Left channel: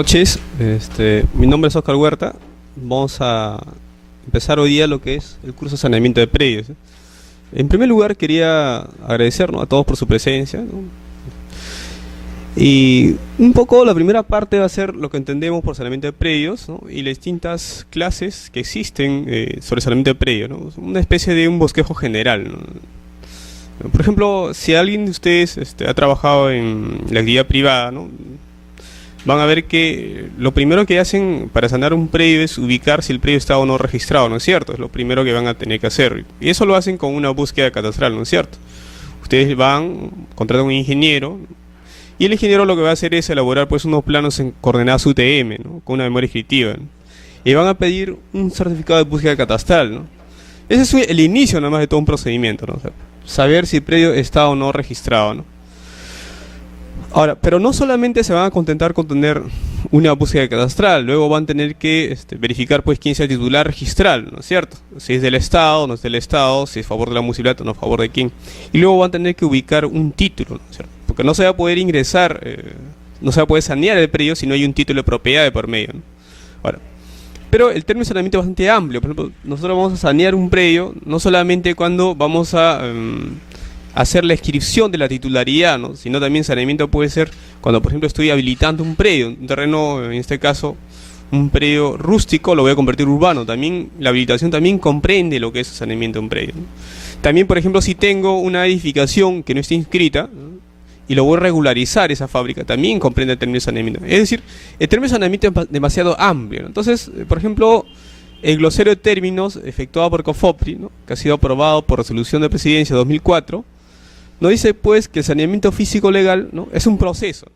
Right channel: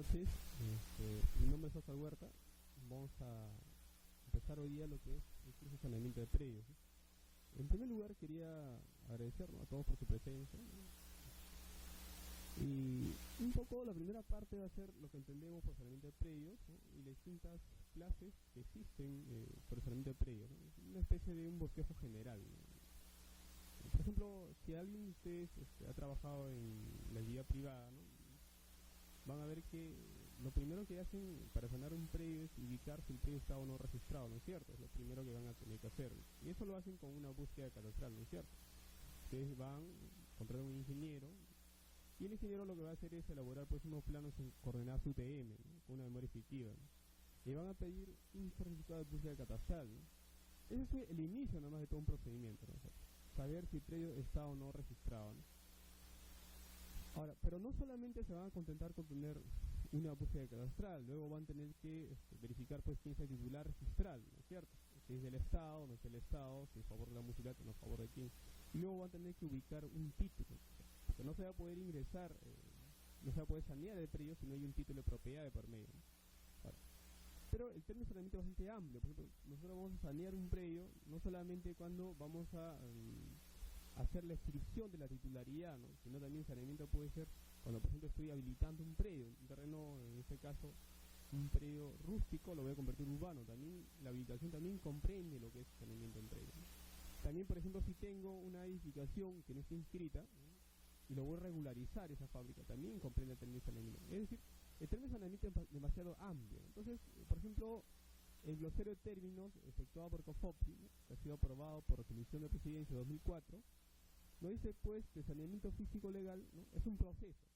Noches, mi nombre es Oscar Huerta. Vamos a empezar hoy día lo que es el curso de saneamiento de predios. En primer lugar, quería agradecer, ¿no?, a todos por su presencia, ¿no? Y un poco la primera parte va a ser lo que entendemos por saneamiento de predios, ¿no?, y las distintas clases que existen sobre saneamiento de predios, ¿no? Una especie de un bosquejo general, ¿no? Por ejemplo, si alguien de ustedes ha trabajado en la actividad privada, ¿no?, van a ver que lo primero que hacen para sanar un predio es ubicar si el predio está o no registrado, ¿no es cierto? Es lo primero que van a tener que hacer. Y eso lo hacen con una búsqueda catastral, ¿no es cierto? Ustedes van, contratan a un ingeniero, y el ingeniero lo que va a hacer es elaborar pues unos planos en coordenadas UTM, ¿no?, con una memoria descriptiva, ¿no? Y van a pedir un certificado de búsqueda catastral, ¿no? Ese es el inicio nada más de todo un procedimiento, ¿no? O sea, saber si el predio está o no registrado, ¿no? Ahora, pero no solamente se van a contentar con tener una búsqueda catastral, luego van a tener que verificar pues quién sea el titular registral, ¿no es cierto? Si es del Estado, no es del Estado, si es a favor de la municipalidad o no a favor de quién. Y luego van a tener que ubicar un título, ¿no es cierto? Porque no se va a poder ingresar, no se va a poder sanear el predio si no hay un título de propiedad de por medio, ¿no? Ahora, pero el término de saneamiento es bastante amplio. Por ejemplo, nosotros vamos a sanear un predio no solamente cuando vamos a hacer la inscripción de la titularidad, ¿no?, sino también saneamiento puede ser cuando, por ejemplo, estoy habilitando un predio, un terreno, en este caso, un predio rústico, lo voy a convertir urbano. También la habilitación también comprende lo que es saneamiento de un predio, ¿no? También, por ejemplo, si tengo una edificación que no está inscrita, ¿no?, y lo voy a regularizar esa fábrica, también comprende el término de saneamiento. Es decir, el término de saneamiento es demasiado amplio, ¿no? Entonces, por ejemplo, el glosario de términos efectuado por COFOPRI, ¿no?, que ha sido aprobado por resolución de presidencia 2004, nos dice pues que el saneamiento físico legal, ¿no?, es un proceso.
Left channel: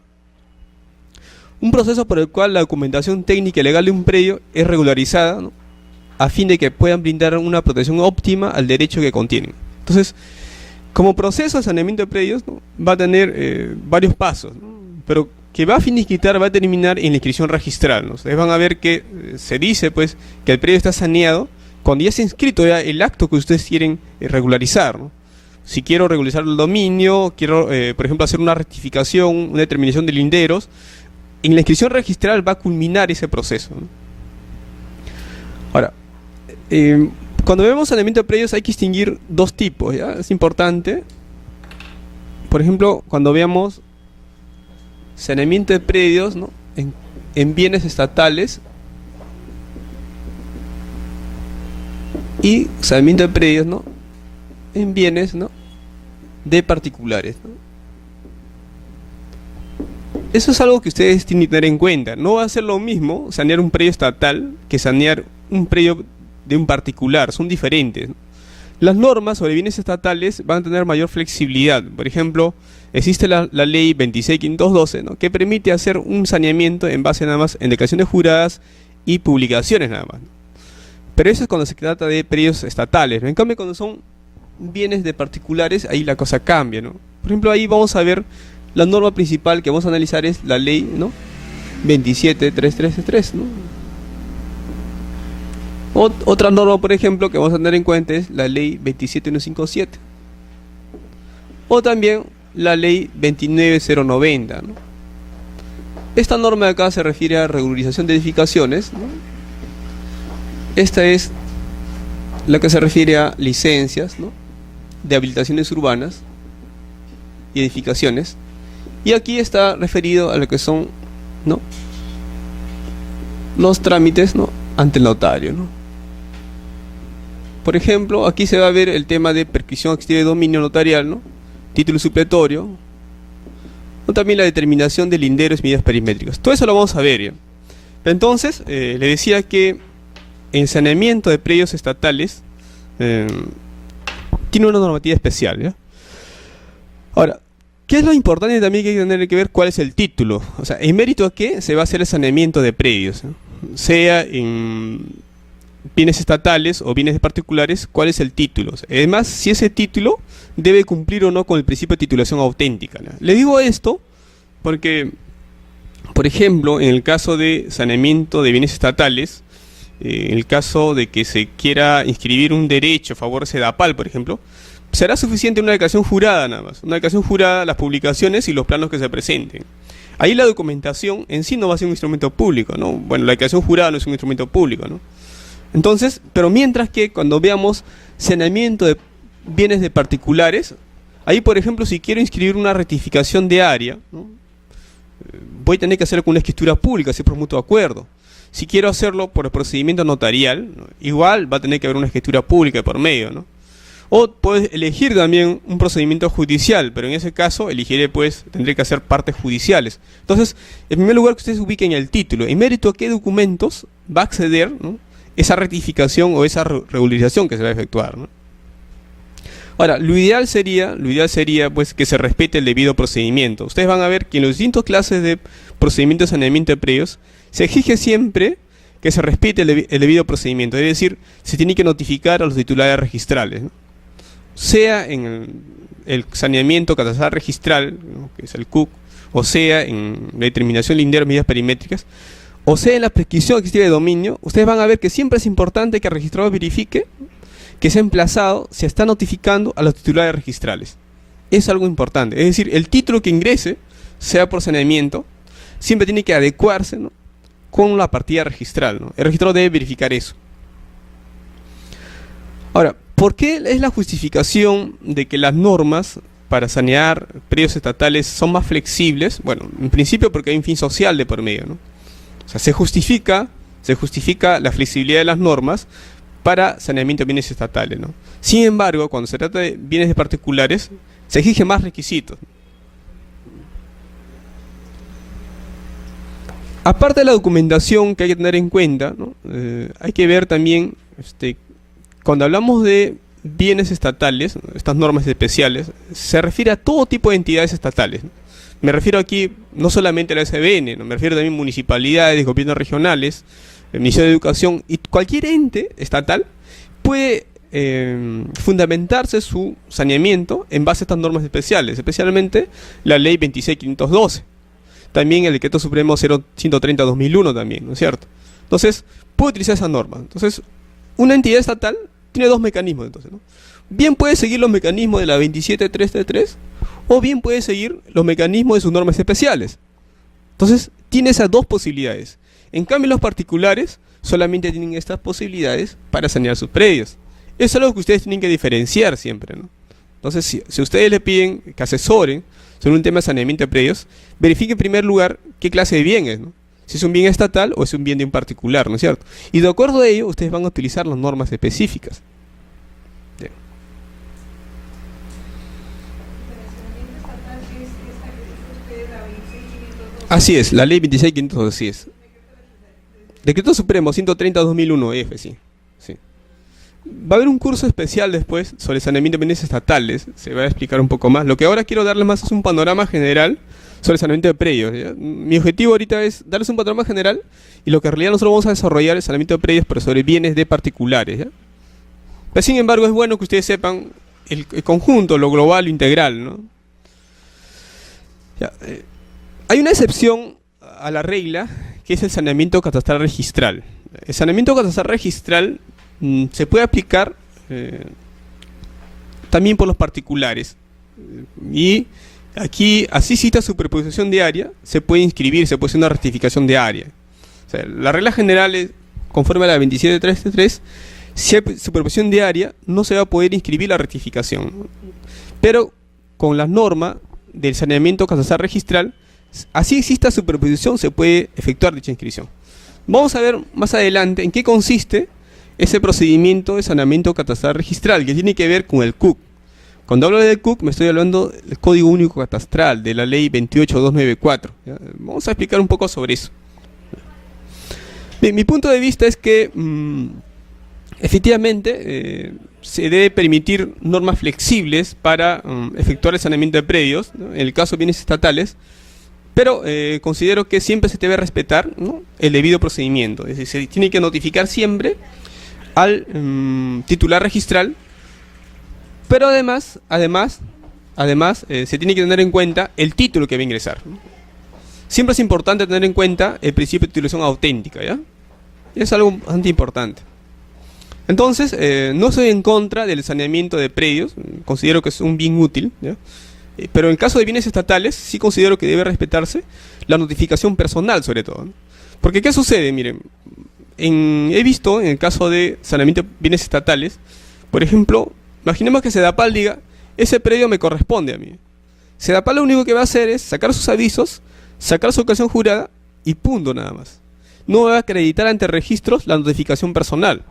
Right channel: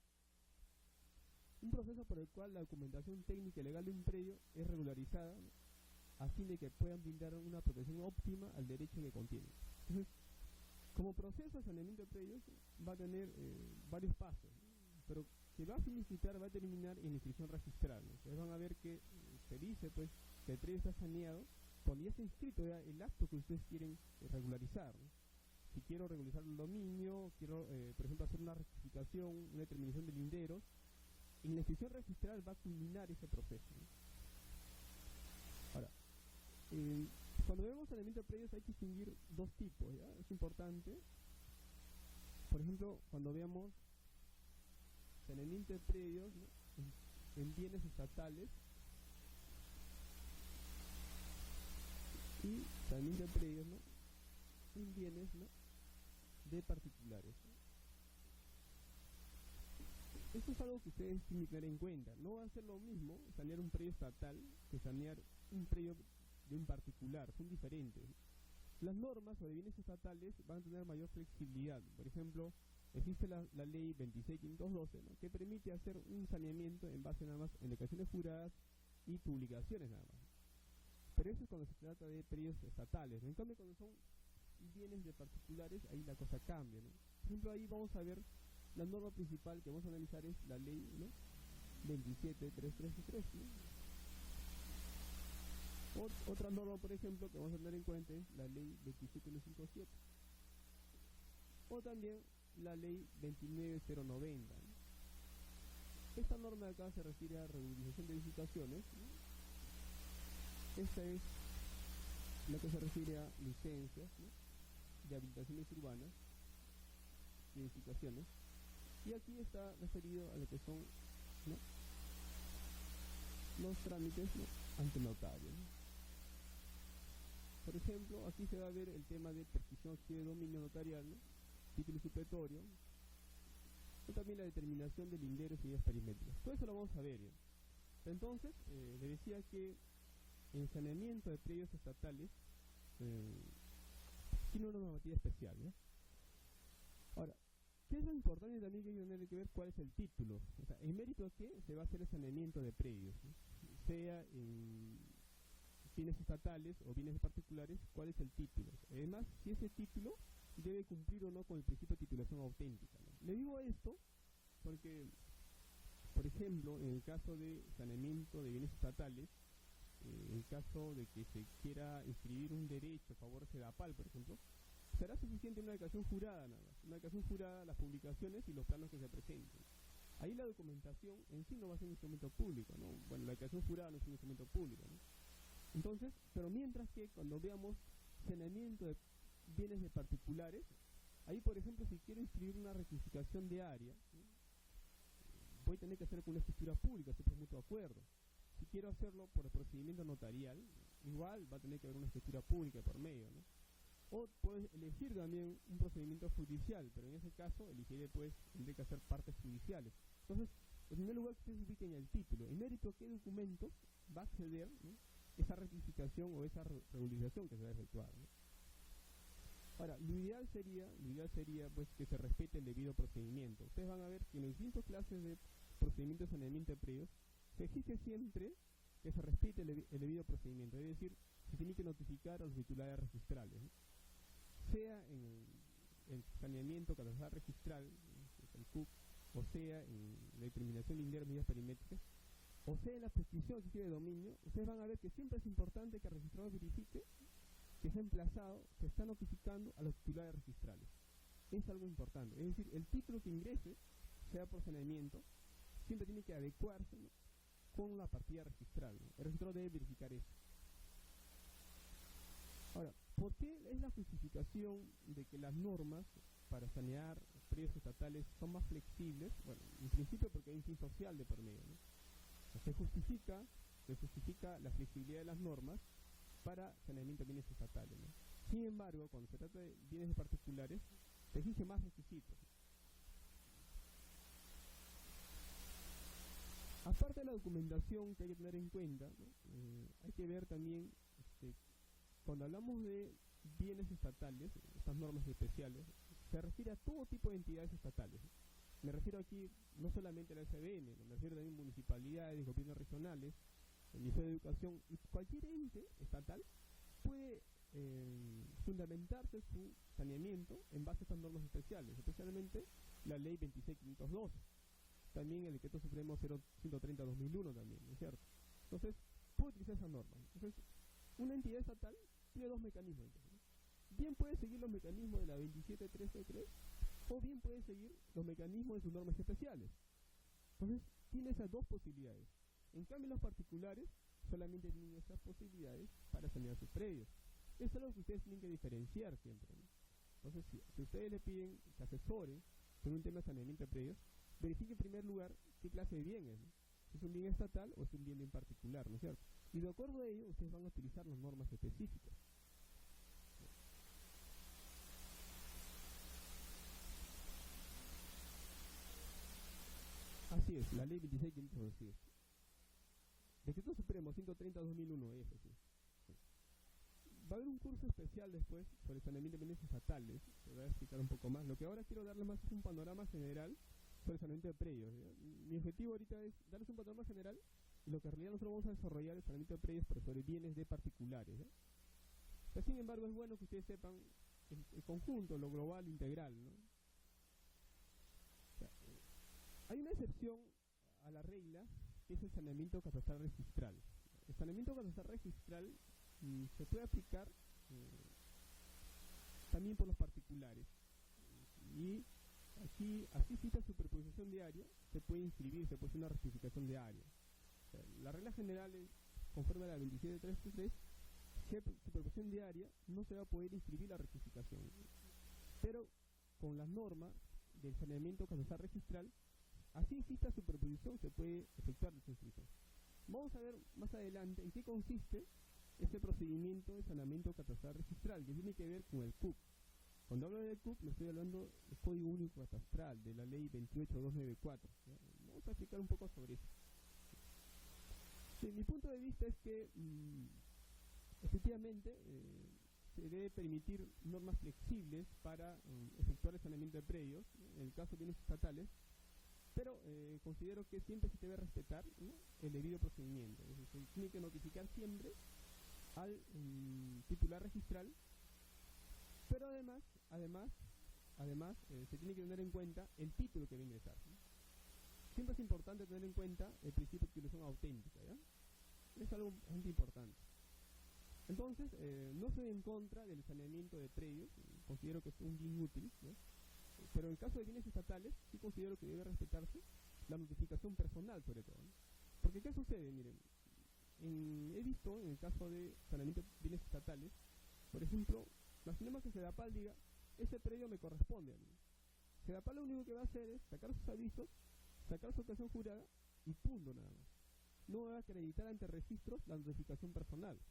Un proceso por el cual la documentación técnica y legal de un predio es regularizada, ¿no?, a fin de que puedan brindar una protección óptima al derecho que contienen. Entonces, como proceso de saneamiento de predios, ¿no?, va a tener varios pasos, ¿no?, pero que va a finiquitar, va a terminar en la inscripción registral, ¿no? Ustedes van a ver que se dice pues que el predio está saneado cuando ya se ha inscrito ya el acto que ustedes quieren regularizar, ¿no? Si quiero regularizar el dominio, quiero, por ejemplo, hacer una rectificación, una determinación de linderos, en la inscripción registral va a culminar ese proceso, ¿no? Ahora, cuando vemos saneamiento de predios hay que distinguir dos tipos, ¿ya? Es importante. Por ejemplo, cuando veamos saneamiento de predios, ¿no?, en bienes estatales y saneamiento de predios, ¿no?, en bienes, ¿no?, de particulares, ¿no? Eso es algo que ustedes tienen que tener en cuenta. No va a ser lo mismo sanear un predio estatal que sanear un predio de un particular. Son diferentes, ¿no? Las normas sobre bienes estatales van a tener mayor flexibilidad. Por ejemplo, existe la ley 26.512, ¿no?, que permite hacer un saneamiento en base nada más en declaraciones juradas y publicaciones nada más, ¿no? Pero eso es cuando se trata de predios estatales, ¿no? En cambio, cuando son bienes de particulares, ahí la cosa cambia, ¿no? Por ejemplo, ahí vamos a ver la norma principal que vamos a analizar es la ley, ¿no?, 27.333, ¿no? Otra norma, por ejemplo, que vamos a tener en cuenta es la ley 27.157 o también la ley 29.090, ¿no? Esta norma de acá se refiere a regularización de edificaciones, ¿no? Esta es la que se refiere a licencias, ¿no?, de habilitaciones urbanas y edificaciones, y aquí está referido a lo que son, ¿no?, los trámites, ¿no?, ante el notario, ¿no? Por ejemplo, aquí se va a ver el tema de prescripción extiva de dominio notarial, ¿no?, título supletorio, o también la determinación de linderos y medidas perimétricas. Todo eso lo vamos a ver, ¿ya? Entonces, le decía que el saneamiento de predios estatales tiene una normativa especial, ¿ya? Ahora, ¿qué es lo importante también que hay que tener que ver? ¿Cuál es el título? O sea, ¿en mérito a qué se va a hacer el saneamiento de predios, ¿no? Sea en bienes estatales o bienes de particulares, ¿cuál es el título? O sea, además, si ese título debe cumplir o no con el principio de titulación auténtica, ¿no? Le digo esto porque, por ejemplo, en el caso de saneamiento de bienes estatales, en el caso de que se quiera inscribir un derecho a favor de SEDAPAL, por ejemplo, será suficiente una declaración jurada nada más. Una declaración jurada, las publicaciones y los planos que se presenten. Ahí la documentación en sí no va a ser un instrumento público, ¿no? Bueno, la declaración jurada no es un instrumento público, ¿no? Entonces, pero mientras que cuando veamos saneamiento de bienes de particulares, ahí por ejemplo si quiero inscribir una rectificación de área, ¿no? Voy a tener que hacerlo con una escritura pública, así por mutuo acuerdo. Si quiero hacerlo por el procedimiento notarial, ¿no? Igual va a tener que haber una escritura pública por medio, ¿no? O puedes elegir también un procedimiento judicial, pero en ese caso elegiré, pues, tendré que hacer partes judiciales. Entonces, en primer lugar que ustedes ubiquen el título, en mérito a qué documentos va a acceder, ¿no? Esa rectificación o esa regularización que se va a efectuar, ¿no? Ahora, lo ideal sería pues que se respete el debido procedimiento. Ustedes van a ver que en las distintas clases de procedimientos de saneamiento de predios se exige siempre que se respete el debido procedimiento, es decir, se tiene que notificar a los titulares registrales, ¿no? Sea en el saneamiento catastral registral, ¿no? Que es el CUC, o sea en la determinación lindera de medidas perimétricas, o sea en la prescripción adquisitiva de dominio. Ustedes van a ver que siempre es importante que el registrador verifique que se ha emplazado, se está notificando a los titulares registrales. Es algo importante, es decir, el título que ingrese, sea por saneamiento, siempre tiene que adecuarse, ¿no? Con la partida registral, ¿no? El registrador debe verificar eso. Ahora, ¿por qué es la justificación de que las normas para sanear predios estatales son más flexibles? Bueno, en principio porque hay un fin social de por medio, ¿no? O sea, se justifica la flexibilidad de las normas para saneamiento de bienes estatales, ¿no? Sin embargo, cuando se trata de bienes de particulares, se exigen más requisitos. Aparte de la documentación que hay que tener en cuenta, ¿no? Hay que ver también, cuando hablamos de bienes estatales, estas normas especiales, se refiere a todo tipo de entidades estatales, ¿no? Me refiero aquí no solamente a la SBN, ¿no? Me refiero también a municipalidades, gobiernos regionales, el Ministerio de Educación, y cualquier ente estatal puede fundamentarse su saneamiento en base a estas normas especiales, especialmente la Ley 26.512. También el Decreto Supremo 130/2001 también, ¿no es cierto? Entonces, puede utilizar esa norma. Entonces, una entidad estatal tiene dos mecanismos, entonces, ¿no? Bien puede seguir los mecanismos de la 27.333, o bien puede seguir los mecanismos de sus normas especiales. Entonces, tiene esas dos posibilidades. En cambio, los particulares solamente tienen estas posibilidades para sanear sus predios. Eso es algo que ustedes tienen que diferenciar siempre, ¿no? Entonces, si ustedes le piden que asesoren sobre un tema de saneamiento de predios, verifique en primer lugar qué clase de bien es, ¿no? Si es un bien estatal o es un bien de un particular, ¿no es cierto? Y de acuerdo a ello, ustedes van a utilizar las normas específicas. Bien. Así es, la ley 26.512, así es. Decreto Supremo 130/2001, sí. Sí. Va a haber un curso especial después sobre saneamiento de bienes estatales, se va a explicar un poco más. Lo que ahora quiero darles más es un panorama general sobre saneamiento de predios, ¿ya? Mi objetivo ahorita es darles un panorama general y lo que en realidad nosotros vamos a desarrollar es saneamiento de predios, pero sobre bienes de particulares, ¿ya? Pero sin embargo es bueno que ustedes sepan el conjunto, lo global, lo integral, ¿no? Ya, hay una excepción a la regla que es el saneamiento catastral registral. El saneamiento catastral registral se puede aplicar también por los particulares. Y aquí, así cita superposición de área, se puede inscribir, se puede hacer una rectificación de área. O sea, la regla general es, conforme a la 27.333, si hay superposición de área, no se va a poder inscribir la rectificación, ¿no? Pero con la norma del saneamiento catastral registral, así exista superposición, se puede efectuar dicha inscripción. Vamos a ver más adelante en qué consiste ese procedimiento de saneamiento catastral registral, que tiene que ver con el CUC. Cuando hablo del CUC, me estoy hablando del Código Único Catastral, de la Ley 28.294. ¿Ya? Vamos a explicar un poco sobre eso. Bien, mi punto de vista es que efectivamente se debe permitir normas flexibles para efectuar el saneamiento de predios, ¿no? En el caso de bienes estatales, pero considero que siempre se debe respetar, ¿no?, el debido procedimiento. Es decir, se tiene que notificar siempre al titular registral, pero además se tiene que tener en cuenta el título que va a ingresar, ¿no? Siempre es importante tener en cuenta el principio de titulación auténtica, ¿ya? Es algo bastante importante. Entonces, no estoy en contra del saneamiento de predios, considero que es un bien útil, ¿ya? Pero en el caso de bienes estatales, sí considero que debe respetarse la notificación personal, sobre todo, ¿no? Porque, ¿qué sucede? Miren, he visto en el caso de saneamiento de bienes estatales, por ejemplo, imaginemos que Sedapal diga, ese predio me corresponde a mí. Sedapal lo único que va a hacer es sacar sus avisos, sacar su ocasión jurada y punto nada más. No va a acreditar ante registros la notificación personal.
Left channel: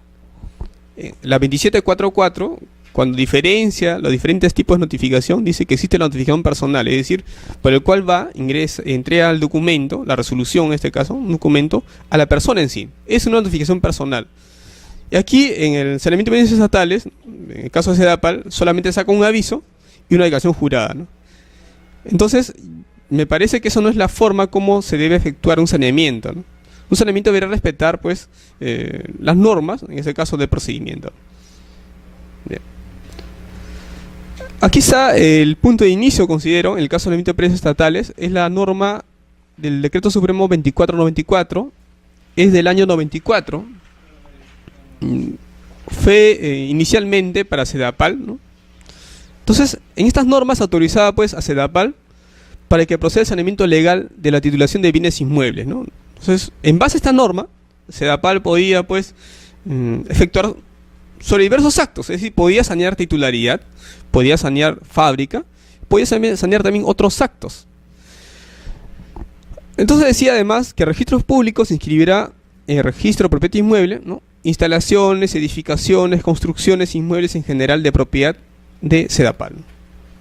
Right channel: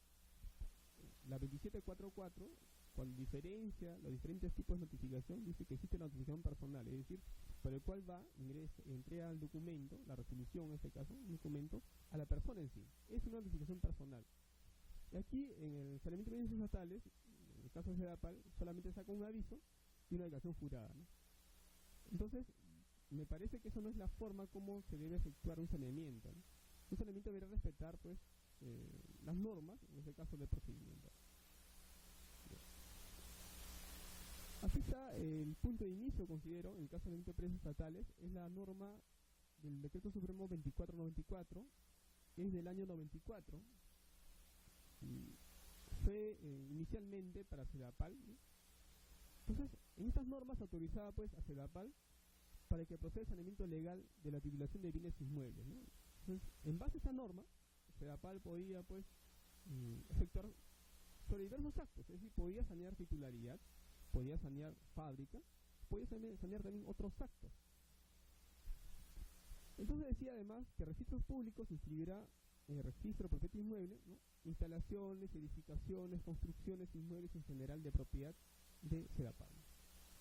La 2744, cuando diferencia los diferentes tipos de notificación, dice que existe la notificación personal, es decir, por el cual entrega el documento, la resolución en este caso, un documento, a la persona en sí. Es una notificación personal. Y aquí, en el saneamiento de bienes estatales, en el caso de Sedapal, solamente saca un aviso y una declaración jurada, ¿no? Entonces, me parece que eso no es la forma como se debe efectuar un saneamiento, ¿no? Un saneamiento debería respetar, pues, las normas, en ese caso, de procedimiento. Bien. Aquí está el punto de inicio, considero, en el caso de saneamiento de predios estatales, es la norma del Decreto Supremo 2494, es del año 94. Fue inicialmente para Sedapal, ¿no? Entonces, en estas normas autorizaba pues a Sedapal para que proceda el saneamiento legal de la titulación de bienes inmuebles, ¿no? Entonces, en base a esta norma, Sedapal podía pues efectuar sobre diversos actos, es decir, podía sanear titularidad, podía sanear fábrica, podía sanear también otros actos. Entonces decía además que registros públicos inscribirá en el registro de propiedad inmueble, ¿no?, instalaciones, edificaciones, construcciones, inmuebles en general de propiedad de Sedapal.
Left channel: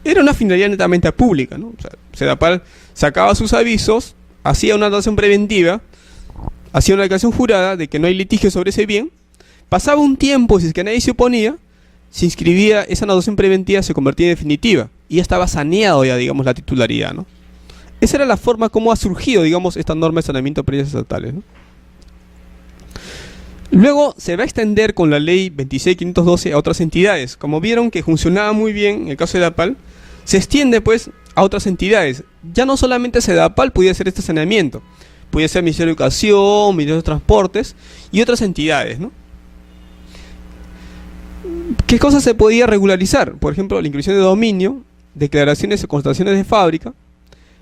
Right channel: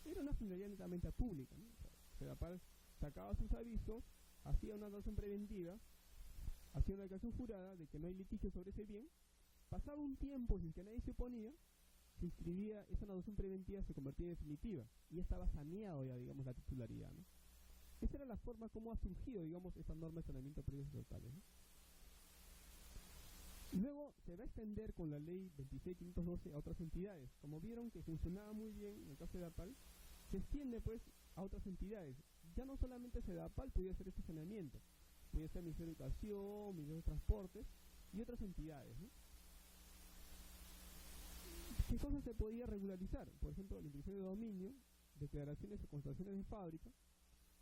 Era una finalidad netamente pública, ¿no? O sea, Sedapal sacaba sus avisos, hacía una anotación preventiva, hacía una declaración jurada de que no hay litigio sobre ese bien, pasaba un tiempo, si es que nadie se oponía, se inscribía, esa anotación preventiva se convertía en definitiva, y ya estaba saneado ya, digamos, la titularidad, ¿no? Esa era la forma como ha surgido, digamos, esta norma de saneamiento de predios estatales, ¿no? Luego se va a extender con la ley 26.512 a otras entidades. Como vieron que funcionaba muy bien en el caso de Sedapal, se extiende pues a otras entidades. Ya no solamente Sedapal podía hacer este saneamiento, podía ser Ministerio de Educación, Ministerio de Transportes y otras entidades, ¿no? ¿Qué cosas se podía regularizar? Por ejemplo, la inscripción de dominio, declaraciones o constataciones de fábrica,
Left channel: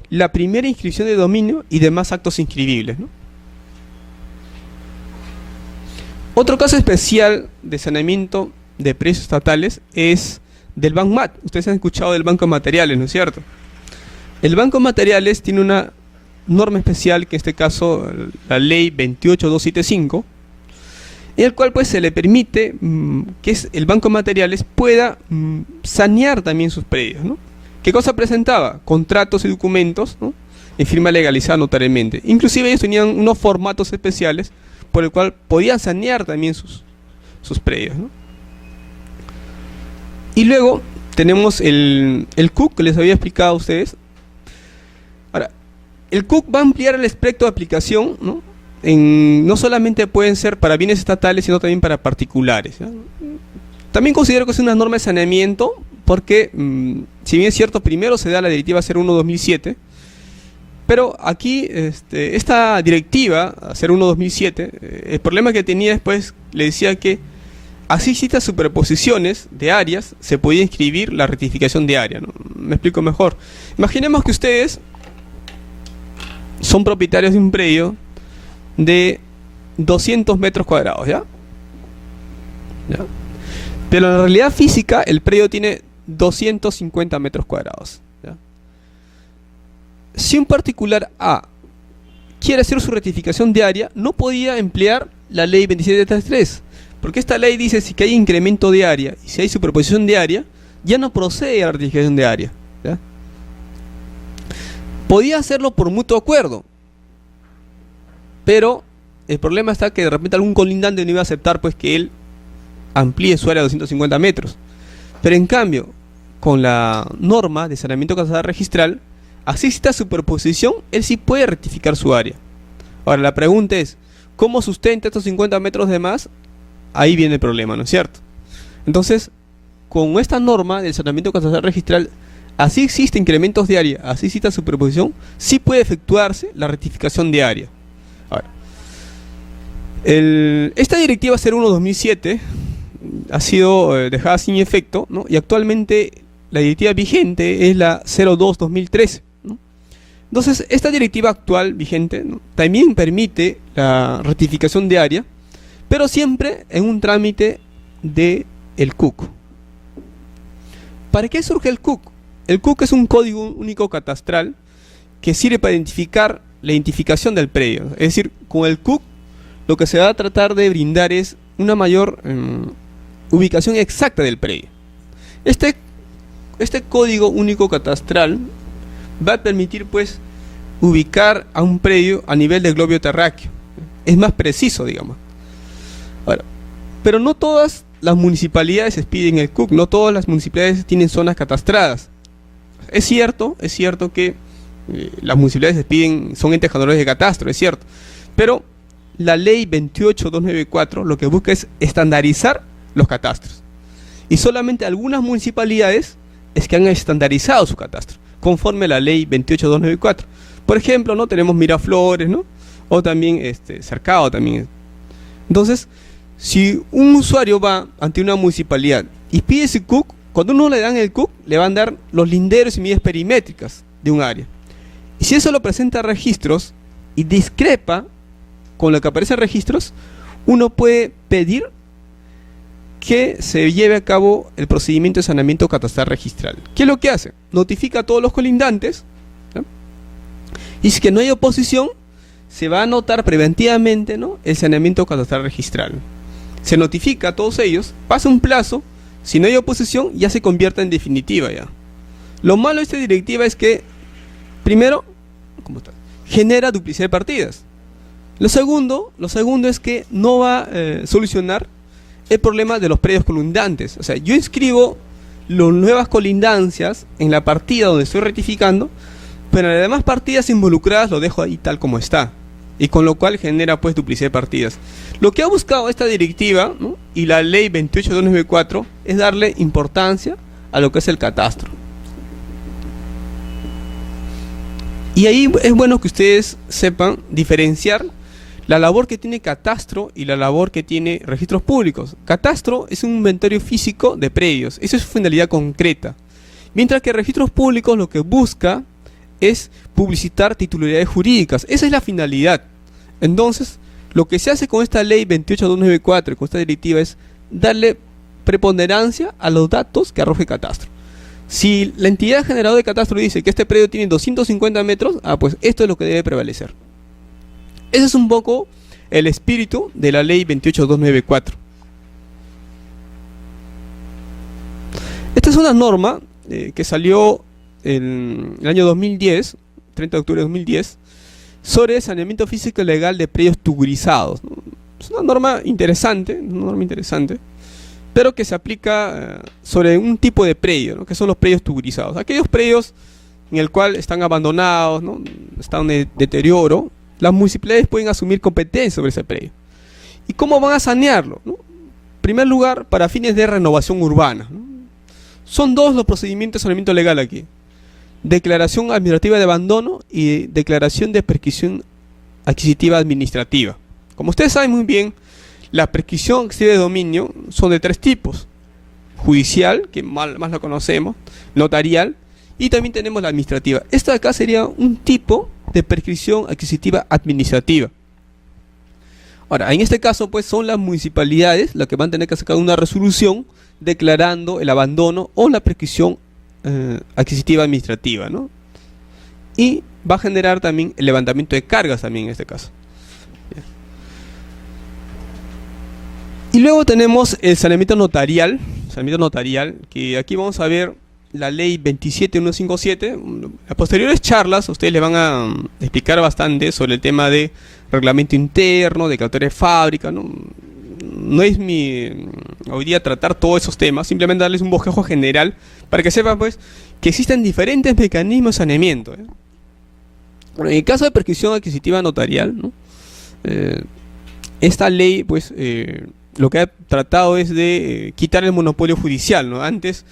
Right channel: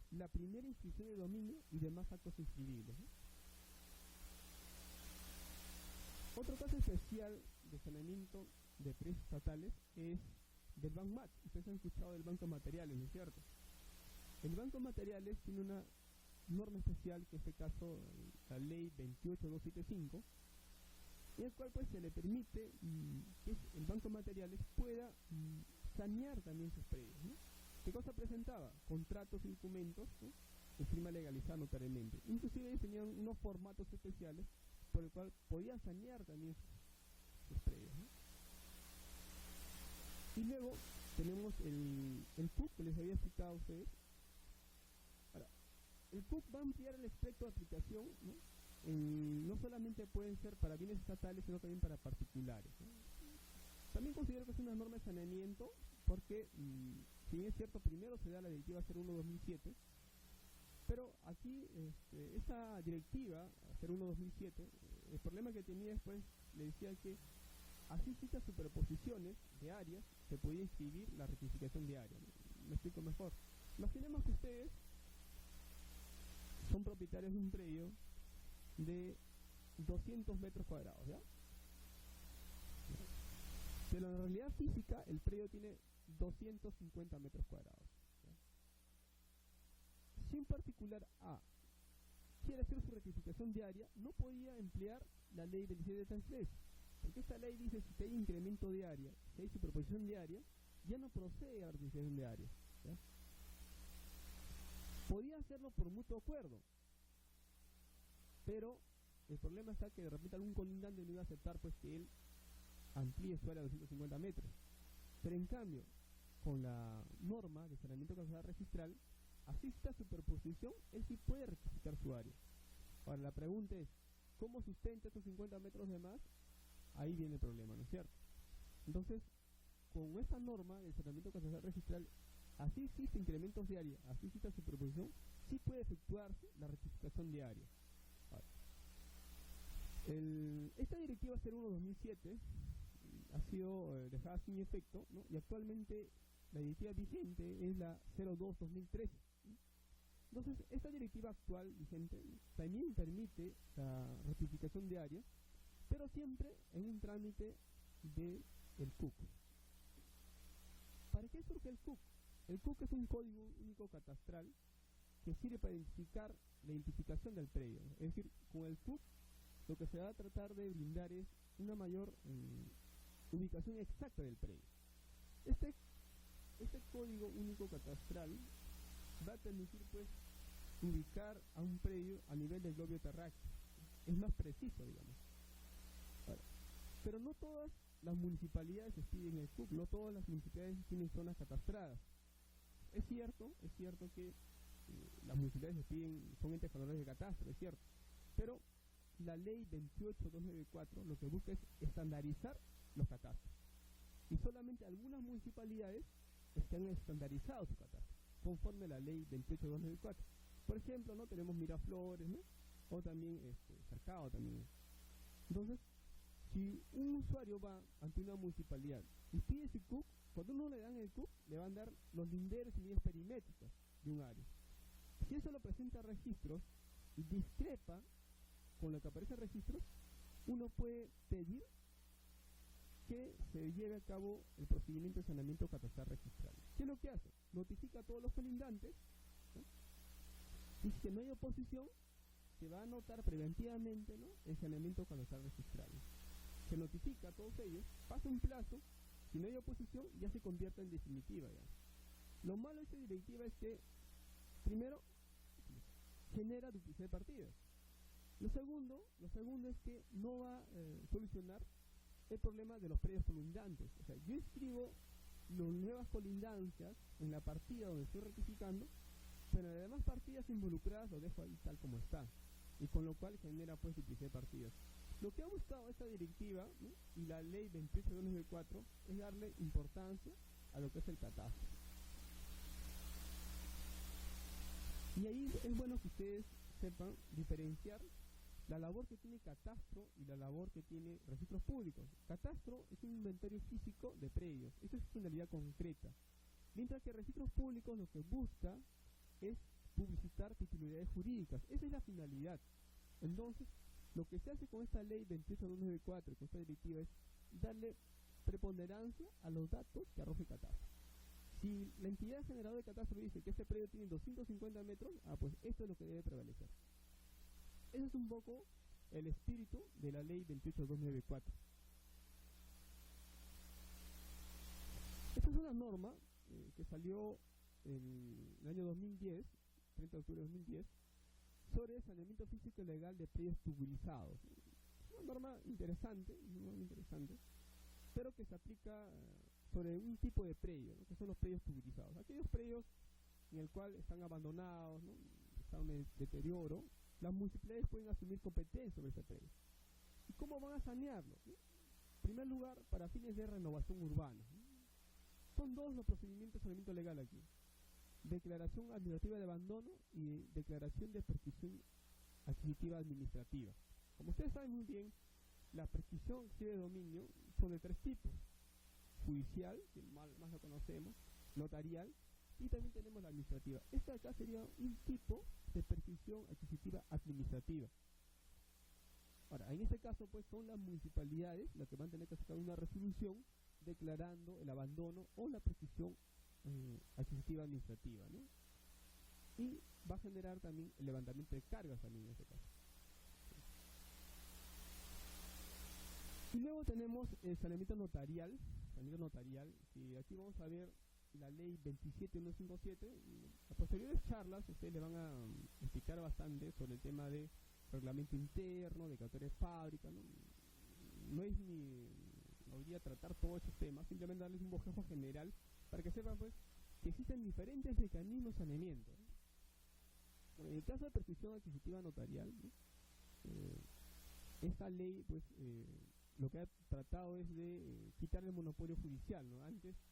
la primera inscripción de dominio y demás actos inscribibles, ¿no? Otro caso especial de saneamiento de predios estatales es del BANMAT. Ustedes han escuchado del Banco de Materiales, ¿no es cierto? El Banco de Materiales tiene una norma especial, que en este caso la ley 28275, en el cual pues se le permite que el Banco de Materiales pueda sanear también sus predios, ¿no? ¿Qué cosa presentaba? Contratos y documentos, ¿no?, en firma legalizada notariamente. Inclusive ellos tenían unos formatos especiales por el cual podían sanear también sus predios, ¿no? Y luego tenemos el CUC, que les había explicado a ustedes. Ahora, el CUC va a ampliar el espectro de aplicación, ¿no? No solamente pueden ser para bienes estatales, sino también para particulares, ¿ya? También considero que es una norma de saneamiento, porque si bien es cierto, primero se da la directiva 01/2007, pero aquí, esta directiva, 01/2007, el problema que tenía después, le decía que así existan superposiciones de áreas, se podía inscribir la rectificación de área, ¿no? Me explico mejor. Imaginemos que ustedes son propietarios de un predio de 200 metros cuadrados, ¿ya? ¿Ya? Pero en la realidad física, el predio tiene 250 metros cuadrados. Si un particular A quiere hacer su rectificación de área, no podía emplear la ley 2733, porque esta ley dice si que hay incremento de área y si hay superposición de área, ya no procede a la rectificación de área, ¿ya? Podía hacerlo por mutuo acuerdo, pero el problema está que de repente algún colindante no iba a aceptar pues que él amplíe su área a 250 metros. Pero en cambio, con la norma de saneamiento casada registral, así esta superposición, él sí puede rectificar su área. Ahora la pregunta es, ¿cómo sustenta estos 50 metros de más? Ahí viene el problema, ¿no es cierto? Entonces, con esta norma del saneamiento catastral registral, así existe incrementos de área, así existe superposición, sí puede efectuarse la rectificación de área. Ahora, esta directiva 01/2007 ha sido dejada sin efecto, ¿no? Y actualmente la directiva vigente es la 02-2013, ¿no? Entonces, esta directiva actual vigente, ¿no?, también permite la rectificación de área, pero siempre en un trámite de el CUC. ¿Para qué surge el CUC? El CUC es un código único catastral que sirve para identificar la identificación del predio. Es decir, con el CUC lo que se va a tratar de brindar es una mayor ubicación exacta del predio. Este código único catastral va a permitir, pues, ubicar a un predio a nivel del globo terráqueo. Es más preciso, digamos. Ahora, pero no todas las municipalidades expiden el CUC, no todas las municipalidades tienen zonas catastradas. Es cierto que las municipalidades expiden, son entes generadores de catastro, es cierto, pero la ley 28.294 lo que busca es estandarizar los catastros. Y solamente algunas municipalidades es que han estandarizado su catastro, conforme a la ley 28.294. Por ejemplo, ¿no?, tenemos Miraflores, ¿no?, o también Cercado también. Entonces, si un usuario va ante una municipalidad y pide ese CUC, cuando uno le dan el CUC, le van a dar los linderos y medidas perimétricas de un área. Y si eso lo presenta a registros y discrepa con lo que aparece en registros, uno puede pedir que se lleve a cabo el procedimiento de saneamiento catastral registral. ¿Qué es lo que hace? Notifica a todos los colindantes, ¿no?, y si que no hay oposición, se va a anotar preventivamente, ¿no?, el saneamiento catastral registral. Se notifica a todos ellos, pasa un plazo, si no hay oposición ya se convierte en definitiva ya. Lo malo de esta directiva es que, primero, genera duplicidad de partidas. Lo segundo es que no va a solucionar el problema de los predios colindantes. O sea, yo inscribo las nuevas colindancias en la partida donde estoy rectificando, pero en las demás partidas involucradas lo dejo ahí tal como está, y con lo cual genera, pues, duplicidad de partidas. Lo que ha buscado esta directiva, ¿no?, y la ley 28.294 es darle importancia a lo que es el catastro. Y ahí es bueno que ustedes sepan diferenciar la labor que tiene catastro y la labor que tiene registros públicos. Catastro es un inventario físico de predios, esa es su finalidad concreta. Mientras que registros públicos lo que busca es publicitar titularidades jurídicas, esa es la finalidad. Entonces, lo que se hace con esta ley 28.294 y con esta directiva es darle preponderancia a los datos que arroje catastro. Si la entidad generadora de catastro dice que este predio tiene 250 metros, pues esto es lo que debe prevalecer. Ese es un poco el espíritu de la ley 28.294. Esta es una norma que salió en el año 2010, 30 de octubre de 2010, sobre saneamiento físico y legal de predios tugurizados. Es una norma interesante, pero que se aplica sobre un tipo de predio, ¿no?, que son los predios tugurizados. Aquellos predios en el cual están abandonados, ¿no?, están en deterioro, las municipalidades pueden asumir competencia sobre ese predio. ¿Y cómo van a sanearlo, ¿no? En primer lugar, para fines de renovación urbana, ¿no? Son dos los procedimientos de saneamiento legal aquí: declaración administrativa de abandono y declaración de prescripción adquisitiva administrativa. Como ustedes saben muy bien, la prescripción adquisitiva de dominio son de tres tipos: judicial, que más la conocemos, notarial, y también tenemos la administrativa. Esta de acá sería un tipo de prescripción adquisitiva administrativa. Ahora, en este caso, pues, son las municipalidades las que van a tener que sacar una resolución declarando el abandono o la prescripción adquisitiva administrativa, ¿no? Y va a generar también el levantamiento de cargas también en este caso. Y luego tenemos el saneamiento notarial, que aquí vamos a ver la ley 27.157. Las posteriores charlas ustedes le van a explicar bastante sobre el tema de reglamento interno, declaratoria de fábrica, ¿no? No es hoy día tratar todos esos temas, simplemente darles un bosquejo general para que sepan, pues, que existen diferentes mecanismos de saneamiento, ¿eh? Bueno, en el caso de prescripción adquisitiva notarial, ¿no?, esta ley, pues, lo que ha tratado es de quitar el monopolio judicial, ¿no? Antes,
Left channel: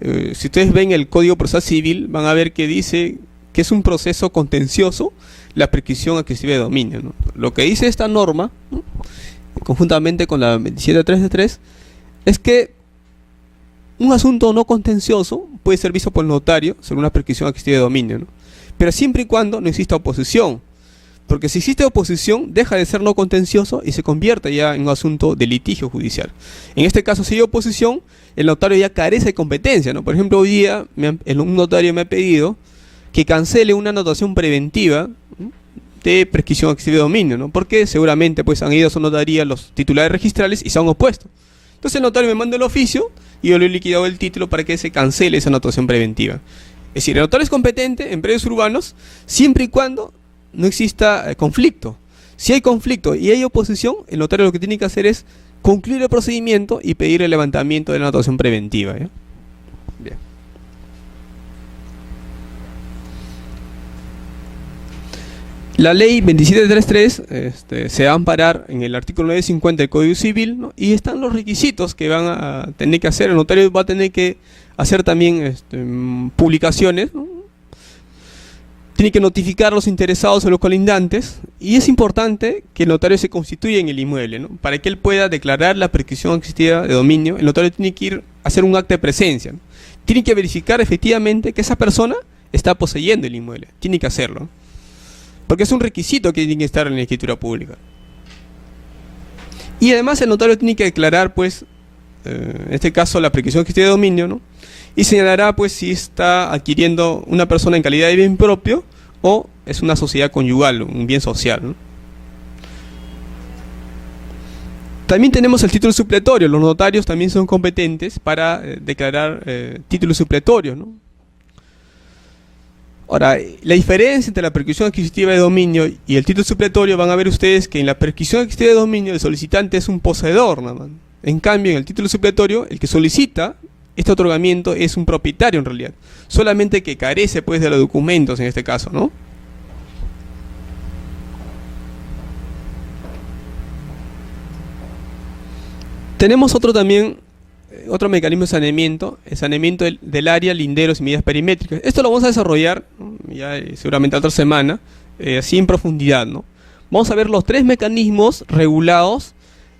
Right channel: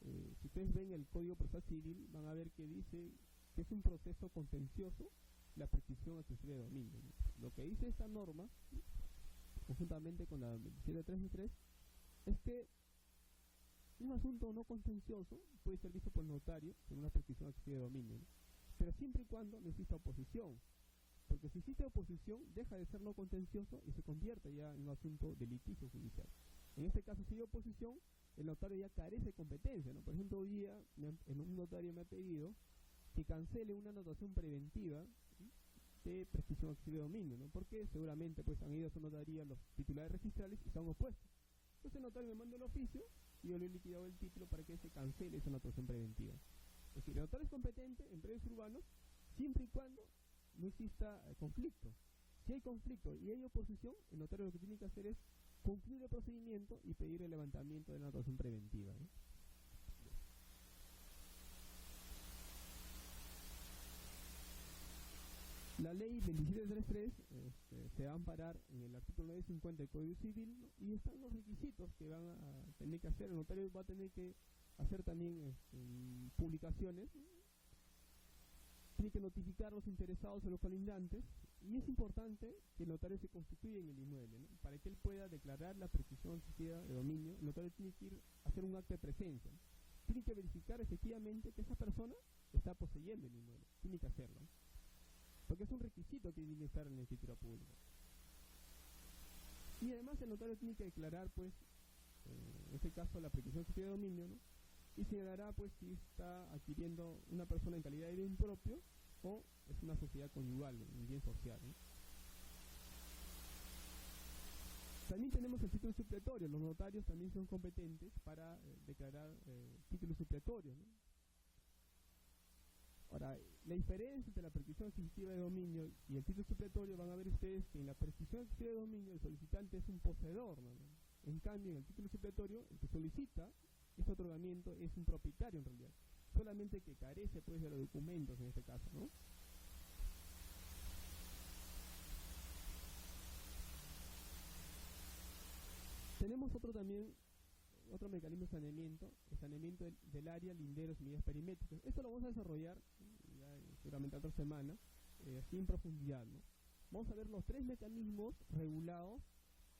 si ustedes ven el Código Procesal Civil, van a ver que dice que es un proceso contencioso la prescripción adquisitiva de dominio, ¿no? Lo que dice esta norma, ¿no?, conjuntamente con la 27.3 es que un asunto no contencioso puede ser visto por el notario sobre una prescripción adquisitiva de dominio, ¿no? Pero siempre y cuando no exista oposición. Porque si existe oposición, deja de ser no contencioso y se convierte ya en un asunto de litigio judicial. En este caso, si hay oposición, el notario ya carece de competencia, ¿no? Por ejemplo, hoy día un notario me ha pedido que cancele una anotación preventiva, ¿no?, de prescripción adquisitiva de dominio, ¿no? Porque seguramente pues han ido a su notaría los titulares registrales y se han opuesto. Entonces el notario me manda el oficio y yo le he liquidado el título para que se cancele esa anotación preventiva. Es decir, el notario es competente en predios urbanos siempre y cuando no exista conflicto. Si hay conflicto y hay oposición, el notario lo que tiene que hacer es concluir el procedimiento y pedir el levantamiento de la anotación preventiva, ¿ya? Bien. La ley 2733 se va a amparar en el artículo 950 del Código Civil, ¿no? Y están los requisitos que van a tener que hacer. El notario va a tener que hacer también publicaciones, ¿no? Tiene que notificar a los interesados a los colindantes, y es importante que el notario se constituya en el inmueble, ¿no? Para que él pueda declarar la prescripción adquisitiva de dominio, el notario tiene que ir a hacer un acta de presencia, ¿no? Tiene que verificar efectivamente que esa persona está poseyendo el inmueble, tiene que hacerlo, porque es un requisito que tiene que estar en la escritura pública. Y además el notario tiene que declarar, pues, en este caso la prescripción adquisitiva de dominio, ¿no? Y señalará pues si está adquiriendo una persona en calidad de bien propio o es una sociedad conyugal, un bien social, ¿no? También tenemos el título supletorio. Los notarios también son competentes para declarar títulos supletorios, ¿no? Ahora, la diferencia entre la prescripción adquisitiva de dominio y el título supletorio, van a ver ustedes que en la prescripción adquisitiva de dominio el solicitante es un poseedor, nada más. En cambio, en el título supletorio, el que solicita este otorgamiento es un propietario en realidad, solamente que carece pues de los documentos en este caso, ¿no? Tenemos otro mecanismo de saneamiento, el saneamiento del área, linderos y medidas perimétricas. Esto lo vamos a desarrollar, ¿no?, ya seguramente otra semana, así en profundidad, ¿no? Vamos a ver los tres mecanismos regulados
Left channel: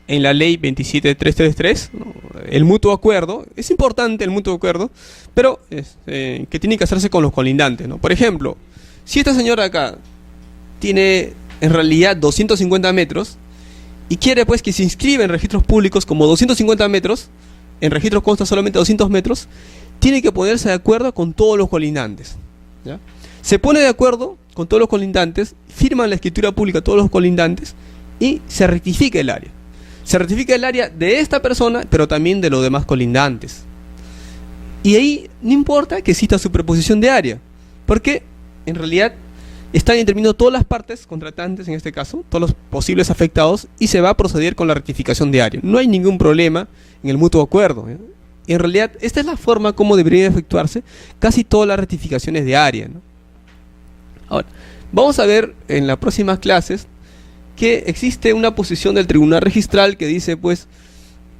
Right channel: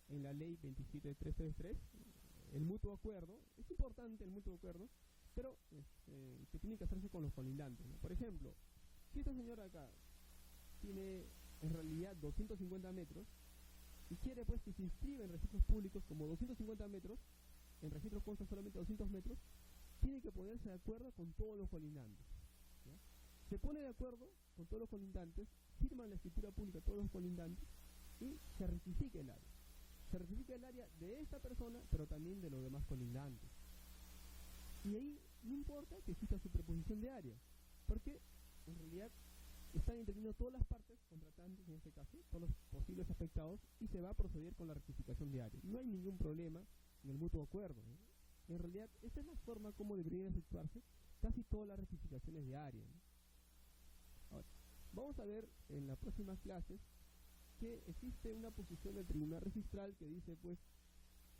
en la ley 27333, ¿no? El mutuo acuerdo, es importante el mutuo acuerdo, pero que tiene que hacerse con los colindantes, ¿no? Por ejemplo, si esta señora acá tiene en realidad 250 metros y quiere pues que se inscriba en registros públicos como 250 metros, en registros consta solamente 200 metros, tiene que ponerse de acuerdo con todos los colindantes, ¿ya? Se pone de acuerdo con todos los colindantes, firman la escritura pública todos los colindantes y se rectifica el área. Se rectifica el área de esta persona, pero también de los demás colindantes. Y ahí no importa que exista superposición de área, porque en realidad están interviniendo todas las partes contratantes, en este caso, todos los posibles afectados, y se va a proceder con la rectificación de área. No hay ningún problema en el mutuo acuerdo, ¿eh? Y en realidad, esta es la forma como deberían efectuarse casi todas las rectificaciones de área, ¿no? Ahora, vamos a ver en las próximas clases que existe una posición del tribunal registral que dice, pues,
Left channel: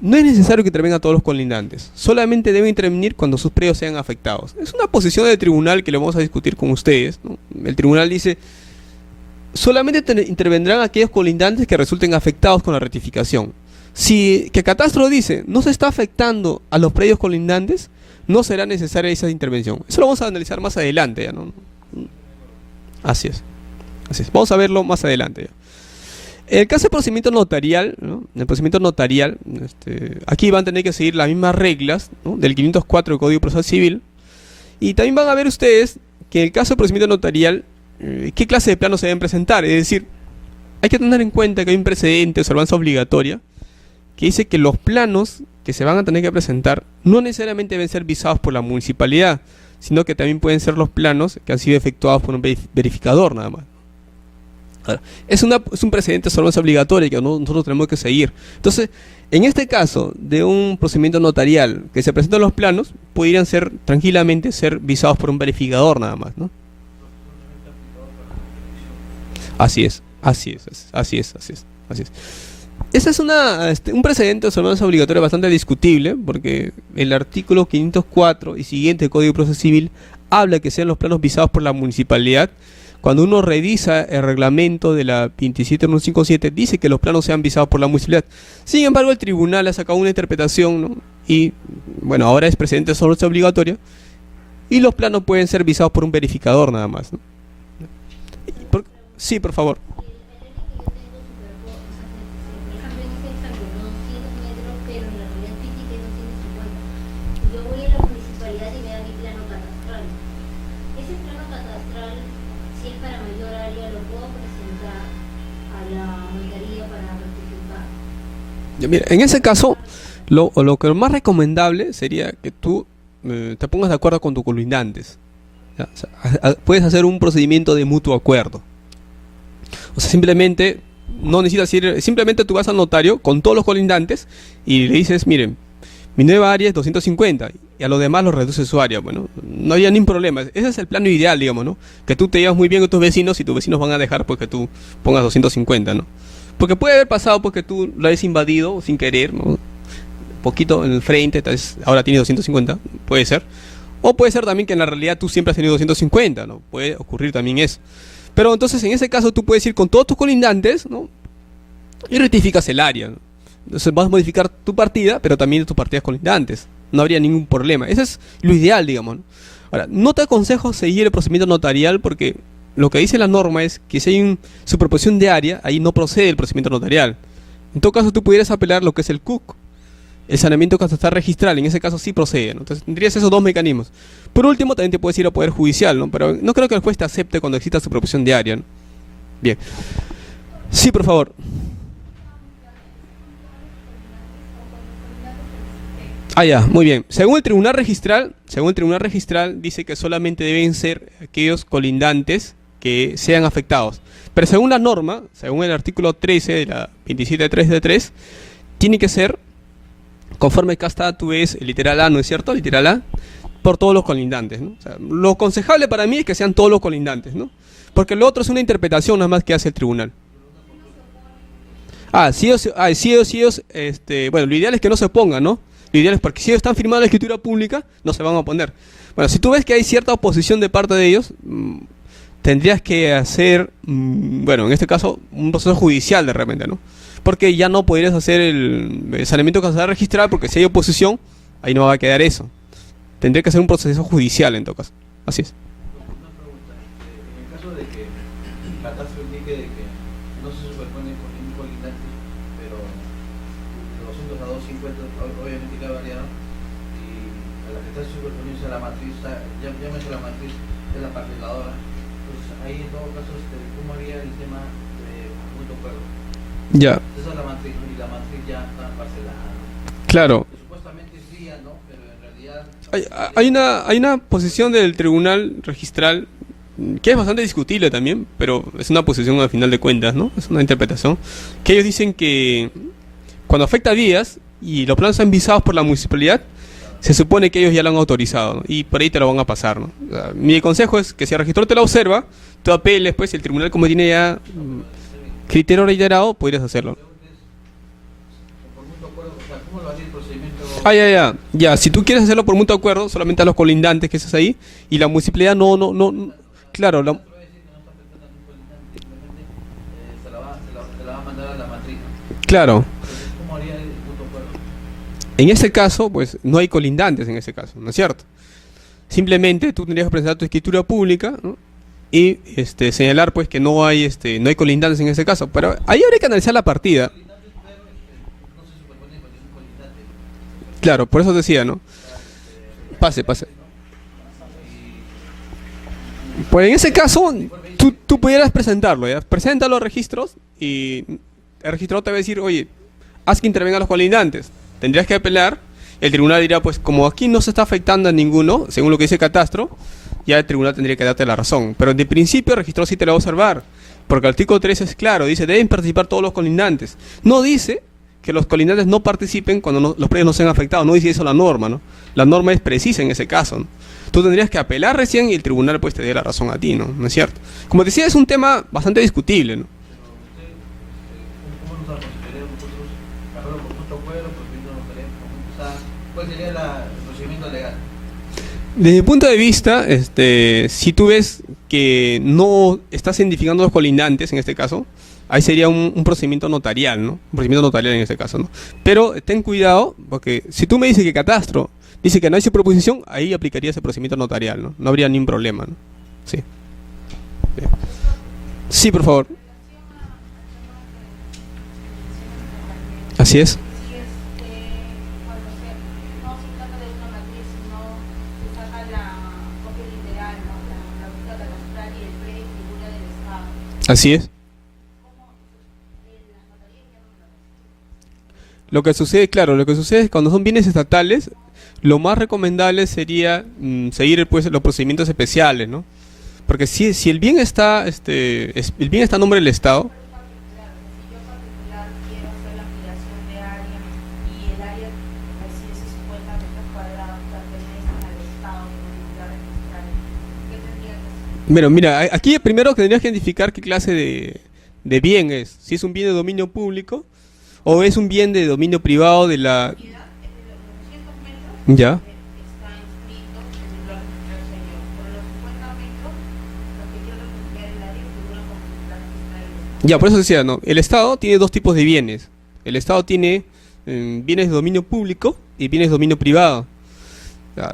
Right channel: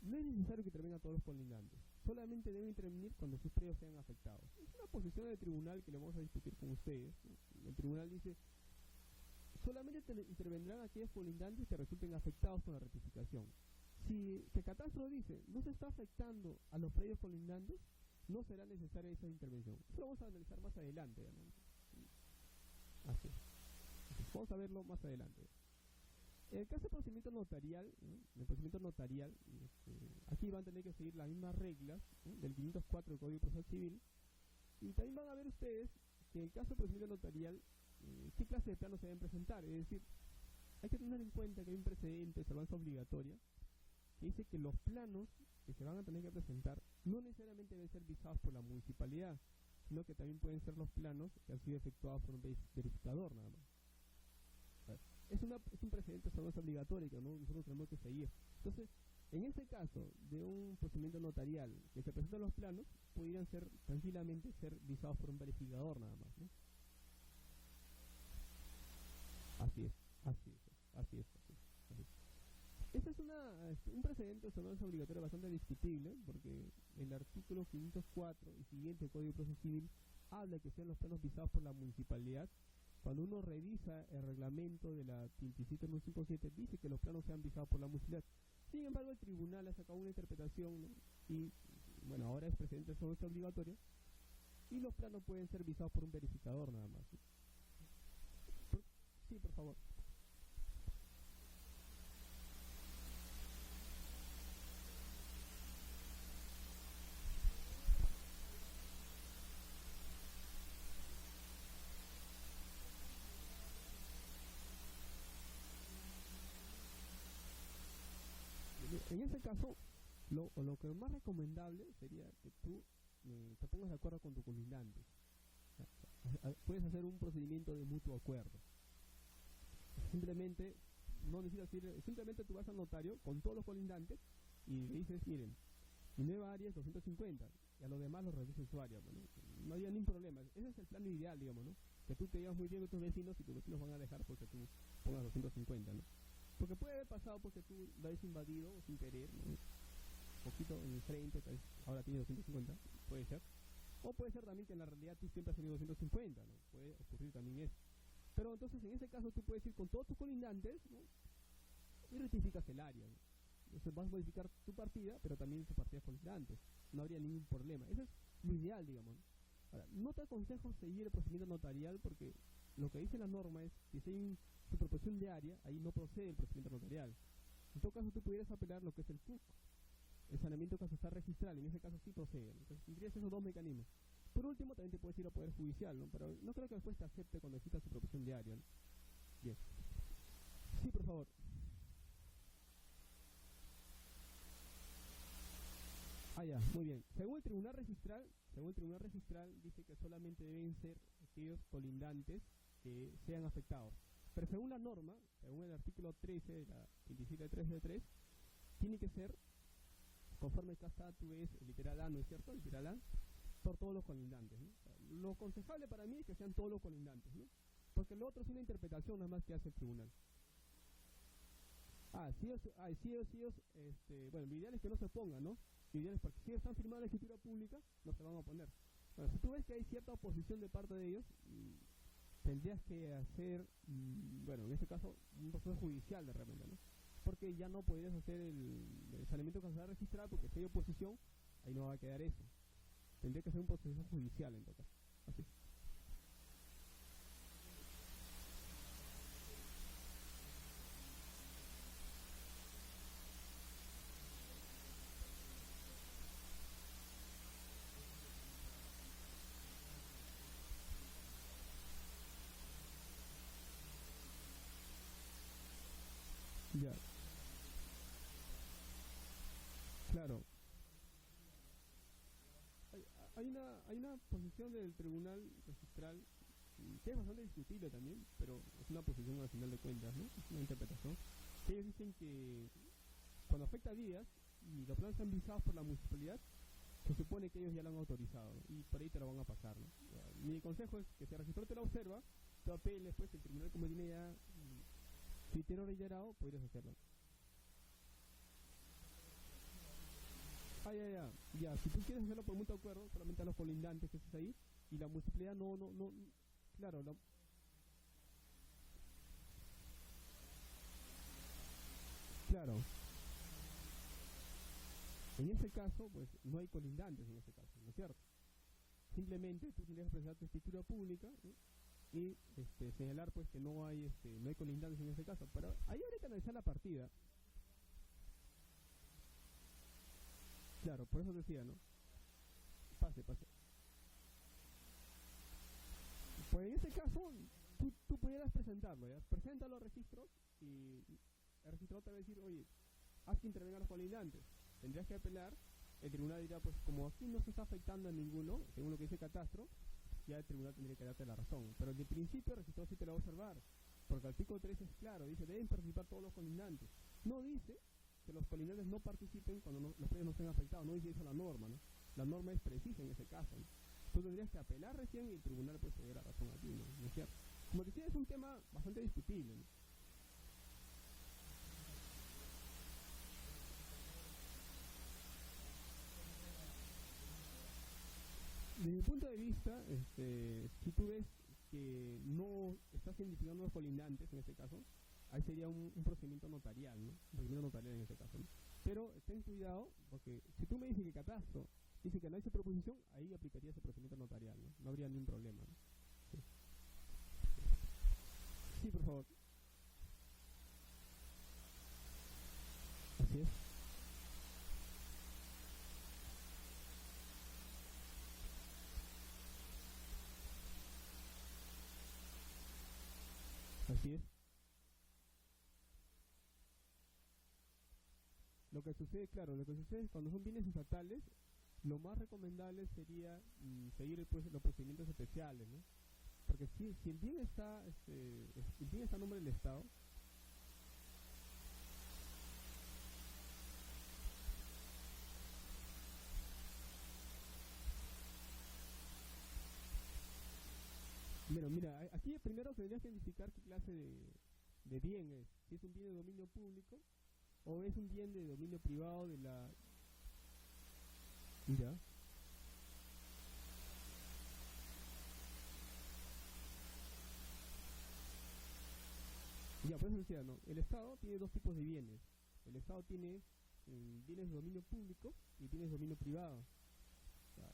no es necesario que intervengan todos los colindantes, solamente deben intervenir cuando sus predios sean afectados. Es una posición del tribunal que lo vamos a discutir con ustedes, ¿no? El tribunal dice, solamente intervendrán aquellos colindantes que resulten afectados con la rectificación. Si que Catastro dice, no se está afectando a los predios colindantes, no será necesaria esa intervención. Eso lo vamos a analizar más adelante, ¿ya? ¿No? Así es. Así es. Vamos a verlo más adelante, ya. En el caso de procedimiento notarial, ¿no?, en el procedimiento notarial, aquí van a tener que seguir las mismas reglas, ¿no?, del 504 del Código Procesal Civil. Y también van a ver ustedes que en el caso de procedimiento notarial, qué clase de planos se deben presentar. Es decir, hay que tener en cuenta que hay un precedente de observancia obligatoria que dice que los planos que se van a tener que presentar no necesariamente deben ser visados por la municipalidad, sino que también pueden ser los planos que han sido efectuados por un verificador nada más. Ahora, es un precedente de observancia obligatoria que nosotros tenemos que seguir. Entonces, en este caso de un procedimiento notarial que se presentan los planos, podrían ser tranquilamente ser visados por un verificador nada más, ¿no? Así es. Ese es un precedente de observancia obligatoria bastante discutible, porque el artículo 504 y siguiente del Código de Proceso Civil habla que sean los planos visados por la municipalidad cuando uno revisa el reglamento de la 27157, dice que los planos sean visados por la municipalidad. Sin embargo, el tribunal ha sacado una interpretación, ¿no? Y, bueno, ahora es precedente solo es obligatoria, y los planos pueden ser visados por un verificador nada más, ¿no? Sí, por favor. Ya, mira, en ese caso, lo que más recomendable sería que tú te pongas de acuerdo con tus colindantes. ¿Ya? O sea, puedes hacer un procedimiento de mutuo acuerdo. O sea, simplemente no necesitas ir, simplemente tú vas al notario con todos los colindantes y le dices, miren, mi nueva área es 250 y a los demás los reduce su área. Bueno, no había ningún problema. Ese es el plano ideal, digamos, ¿no? Que tú te llevas muy bien con tus vecinos y tus vecinos van a dejar pues que tú pongas 250, ¿no? Porque puede haber pasado porque tú lo hayas invadido sin querer, ¿no? Poquito en el frente, entonces ahora tienes 250, puede ser. O puede ser también que en la realidad tú siempre has tenido 250, ¿no? Puede ocurrir también eso. Pero entonces en ese caso tú puedes ir con todos tus colindantes, ¿no? Y rectificas el área, ¿no? Entonces vas a modificar tu partida, pero también tus partidas colindantes. No habría ningún problema. Ese es lo ideal, digamos, ¿no? Ahora, no te aconsejo seguir el procedimiento notarial porque lo que dice la norma es que si hay una superposición de área, ahí no procede el procedimiento notarial. En todo caso, tú pudieras apelar lo que es el CUC, el saneamiento catastral registral, en ese caso sí procede, ¿no? Entonces tendrías esos dos mecanismos. Por último, también te puedes ir a Poder Judicial, ¿no? Pero no creo que el juez te acepte cuando exista superposición de área, ¿no? Bien. Sí, por favor. Ah, ya, muy bien. Según el tribunal registral dice que solamente deben ser aquellos colindantes que sean afectados. Pero según la norma, según el artículo 13 de la 27.3 de 3, tiene que ser, conforme acá está, tú ves el literal A, ¿no es cierto? Literal A, por todos los colindantes, ¿no? O sea, lo aconsejable para mí es que sean todos los colindantes, ¿no? Porque lo otro es una interpretación nada más que hace el tribunal. Si ellos, bueno, lo ideal es que no se opongan, ¿no? Lo ideal es porque si ellos están firmando la escritura pública, no se van a oponer. Bueno, si tú ves que hay cierta oposición de parte de ellos, tendrías que hacer, bueno, en este caso, un proceso judicial de repente, ¿no? Porque ya no podrías hacer el saneamiento catastral registral, porque si hay oposición, ahí no va a quedar eso. Tendría que hacer un proceso judicial en todo caso. Así es. Una pregunta, en el caso de que el catastro indique de que no se superpone con ningún colindante, pero de 200 a 250 obviamente que ha variado, y a la que está superponiéndose a la matriz, llámese la matriz, es la parceladora, pues ahí en todo caso, ¿cómo haría el tema de punto acuerdo? Ya. Esa es la matriz, ¿no? Y la matriz ya está parcelada, ¿no? Claro. Supuestamente sí, ¿no? Pero en realidad... Hay una posición del tribunal registral que es bastante discutible también, pero es una posición al final de cuentas, ¿no? Es una interpretación que ellos dicen que cuando afecta a vías y los planos están visados por la municipalidad, se supone que ellos ya lo han autorizado, ¿no? Y por ahí te lo van a pasar, ¿no? O sea, mi consejo es que si el registro te lo observa, tú apeles, pues, si el tribunal como tiene ya criterio reiterado, podrías hacerlo. ¿Cómo lo haría el procedimiento? Ya, si tú quieres hacerlo por mutuo acuerdo, solamente a los colindantes que estás ahí, y la municipalidad claro, Se la va a mandar a la matriz, ¿no? claro, Entonces, ¿cómo haría el punto acuerdo? en ese caso, pues, no hay colindantes en ese caso, ¿no es cierto? Simplemente tú tendrías que presentar tu escritura pública, ¿no? Y señalar, pues, que no hay colindantes en ese caso, pero ahí habría que analizar la partida. No se superpone con ningún colindante. Claro, por eso decía, ¿no? Pase. Pues en ese caso, tú pudieras presentarlo, ¿ya? Presenta los registros y el registrador te va a decir, oye, haz que intervengan los colindantes. Tendrías que apelar, el tribunal dirá, pues como aquí no se está afectando a ninguno, según lo que dice el catastro, ya el tribunal tendría que darte la razón. Pero de principio el registrador sí te lo va a observar, porque el artículo 13 es claro, dice, deben participar todos los colindantes. No dice que los colindantes no participen cuando los predios no sean afectados, no dice eso la norma, ¿no? La norma es precisa en ese caso, ¿no? Tú tendrías que apelar recién y el tribunal pues te dé la razón a ti, ¿no? ¿No es cierto? Como decía, es un tema bastante discutible, ¿no? ¿Cómo nos aconsejaría nosotros hacerlo por punto acuerdo, procedimiento notarial? O sea, ¿cuál sería el procedimiento legal? Desde mi punto de vista, si tú ves que no estás identificando los colindantes, en este caso, ahí sería un procedimiento notarial, ¿no? Un procedimiento notarial en este caso, ¿no? Pero ten cuidado, porque si tú me dices que Catastro dice que no hay superposición, ahí aplicaría ese procedimiento notarial, ¿no? No habría ningún problema, ¿no? Sí. Bien. Sí, por favor. Así es. Así es. Lo que sucede, claro, lo que sucede es cuando son bienes estatales, lo más recomendable sería seguir pues los procedimientos especiales, ¿no? Porque si el bien está, el bien está a nombre del Estado. Mira, aquí primero tendrías que identificar qué clase de bien es. Si es un bien de dominio público o es un bien de dominio privado de la... Ya. Ya, por eso decía, no. El Estado tiene dos tipos de bienes. El Estado tiene bienes de dominio público y bienes de dominio privado.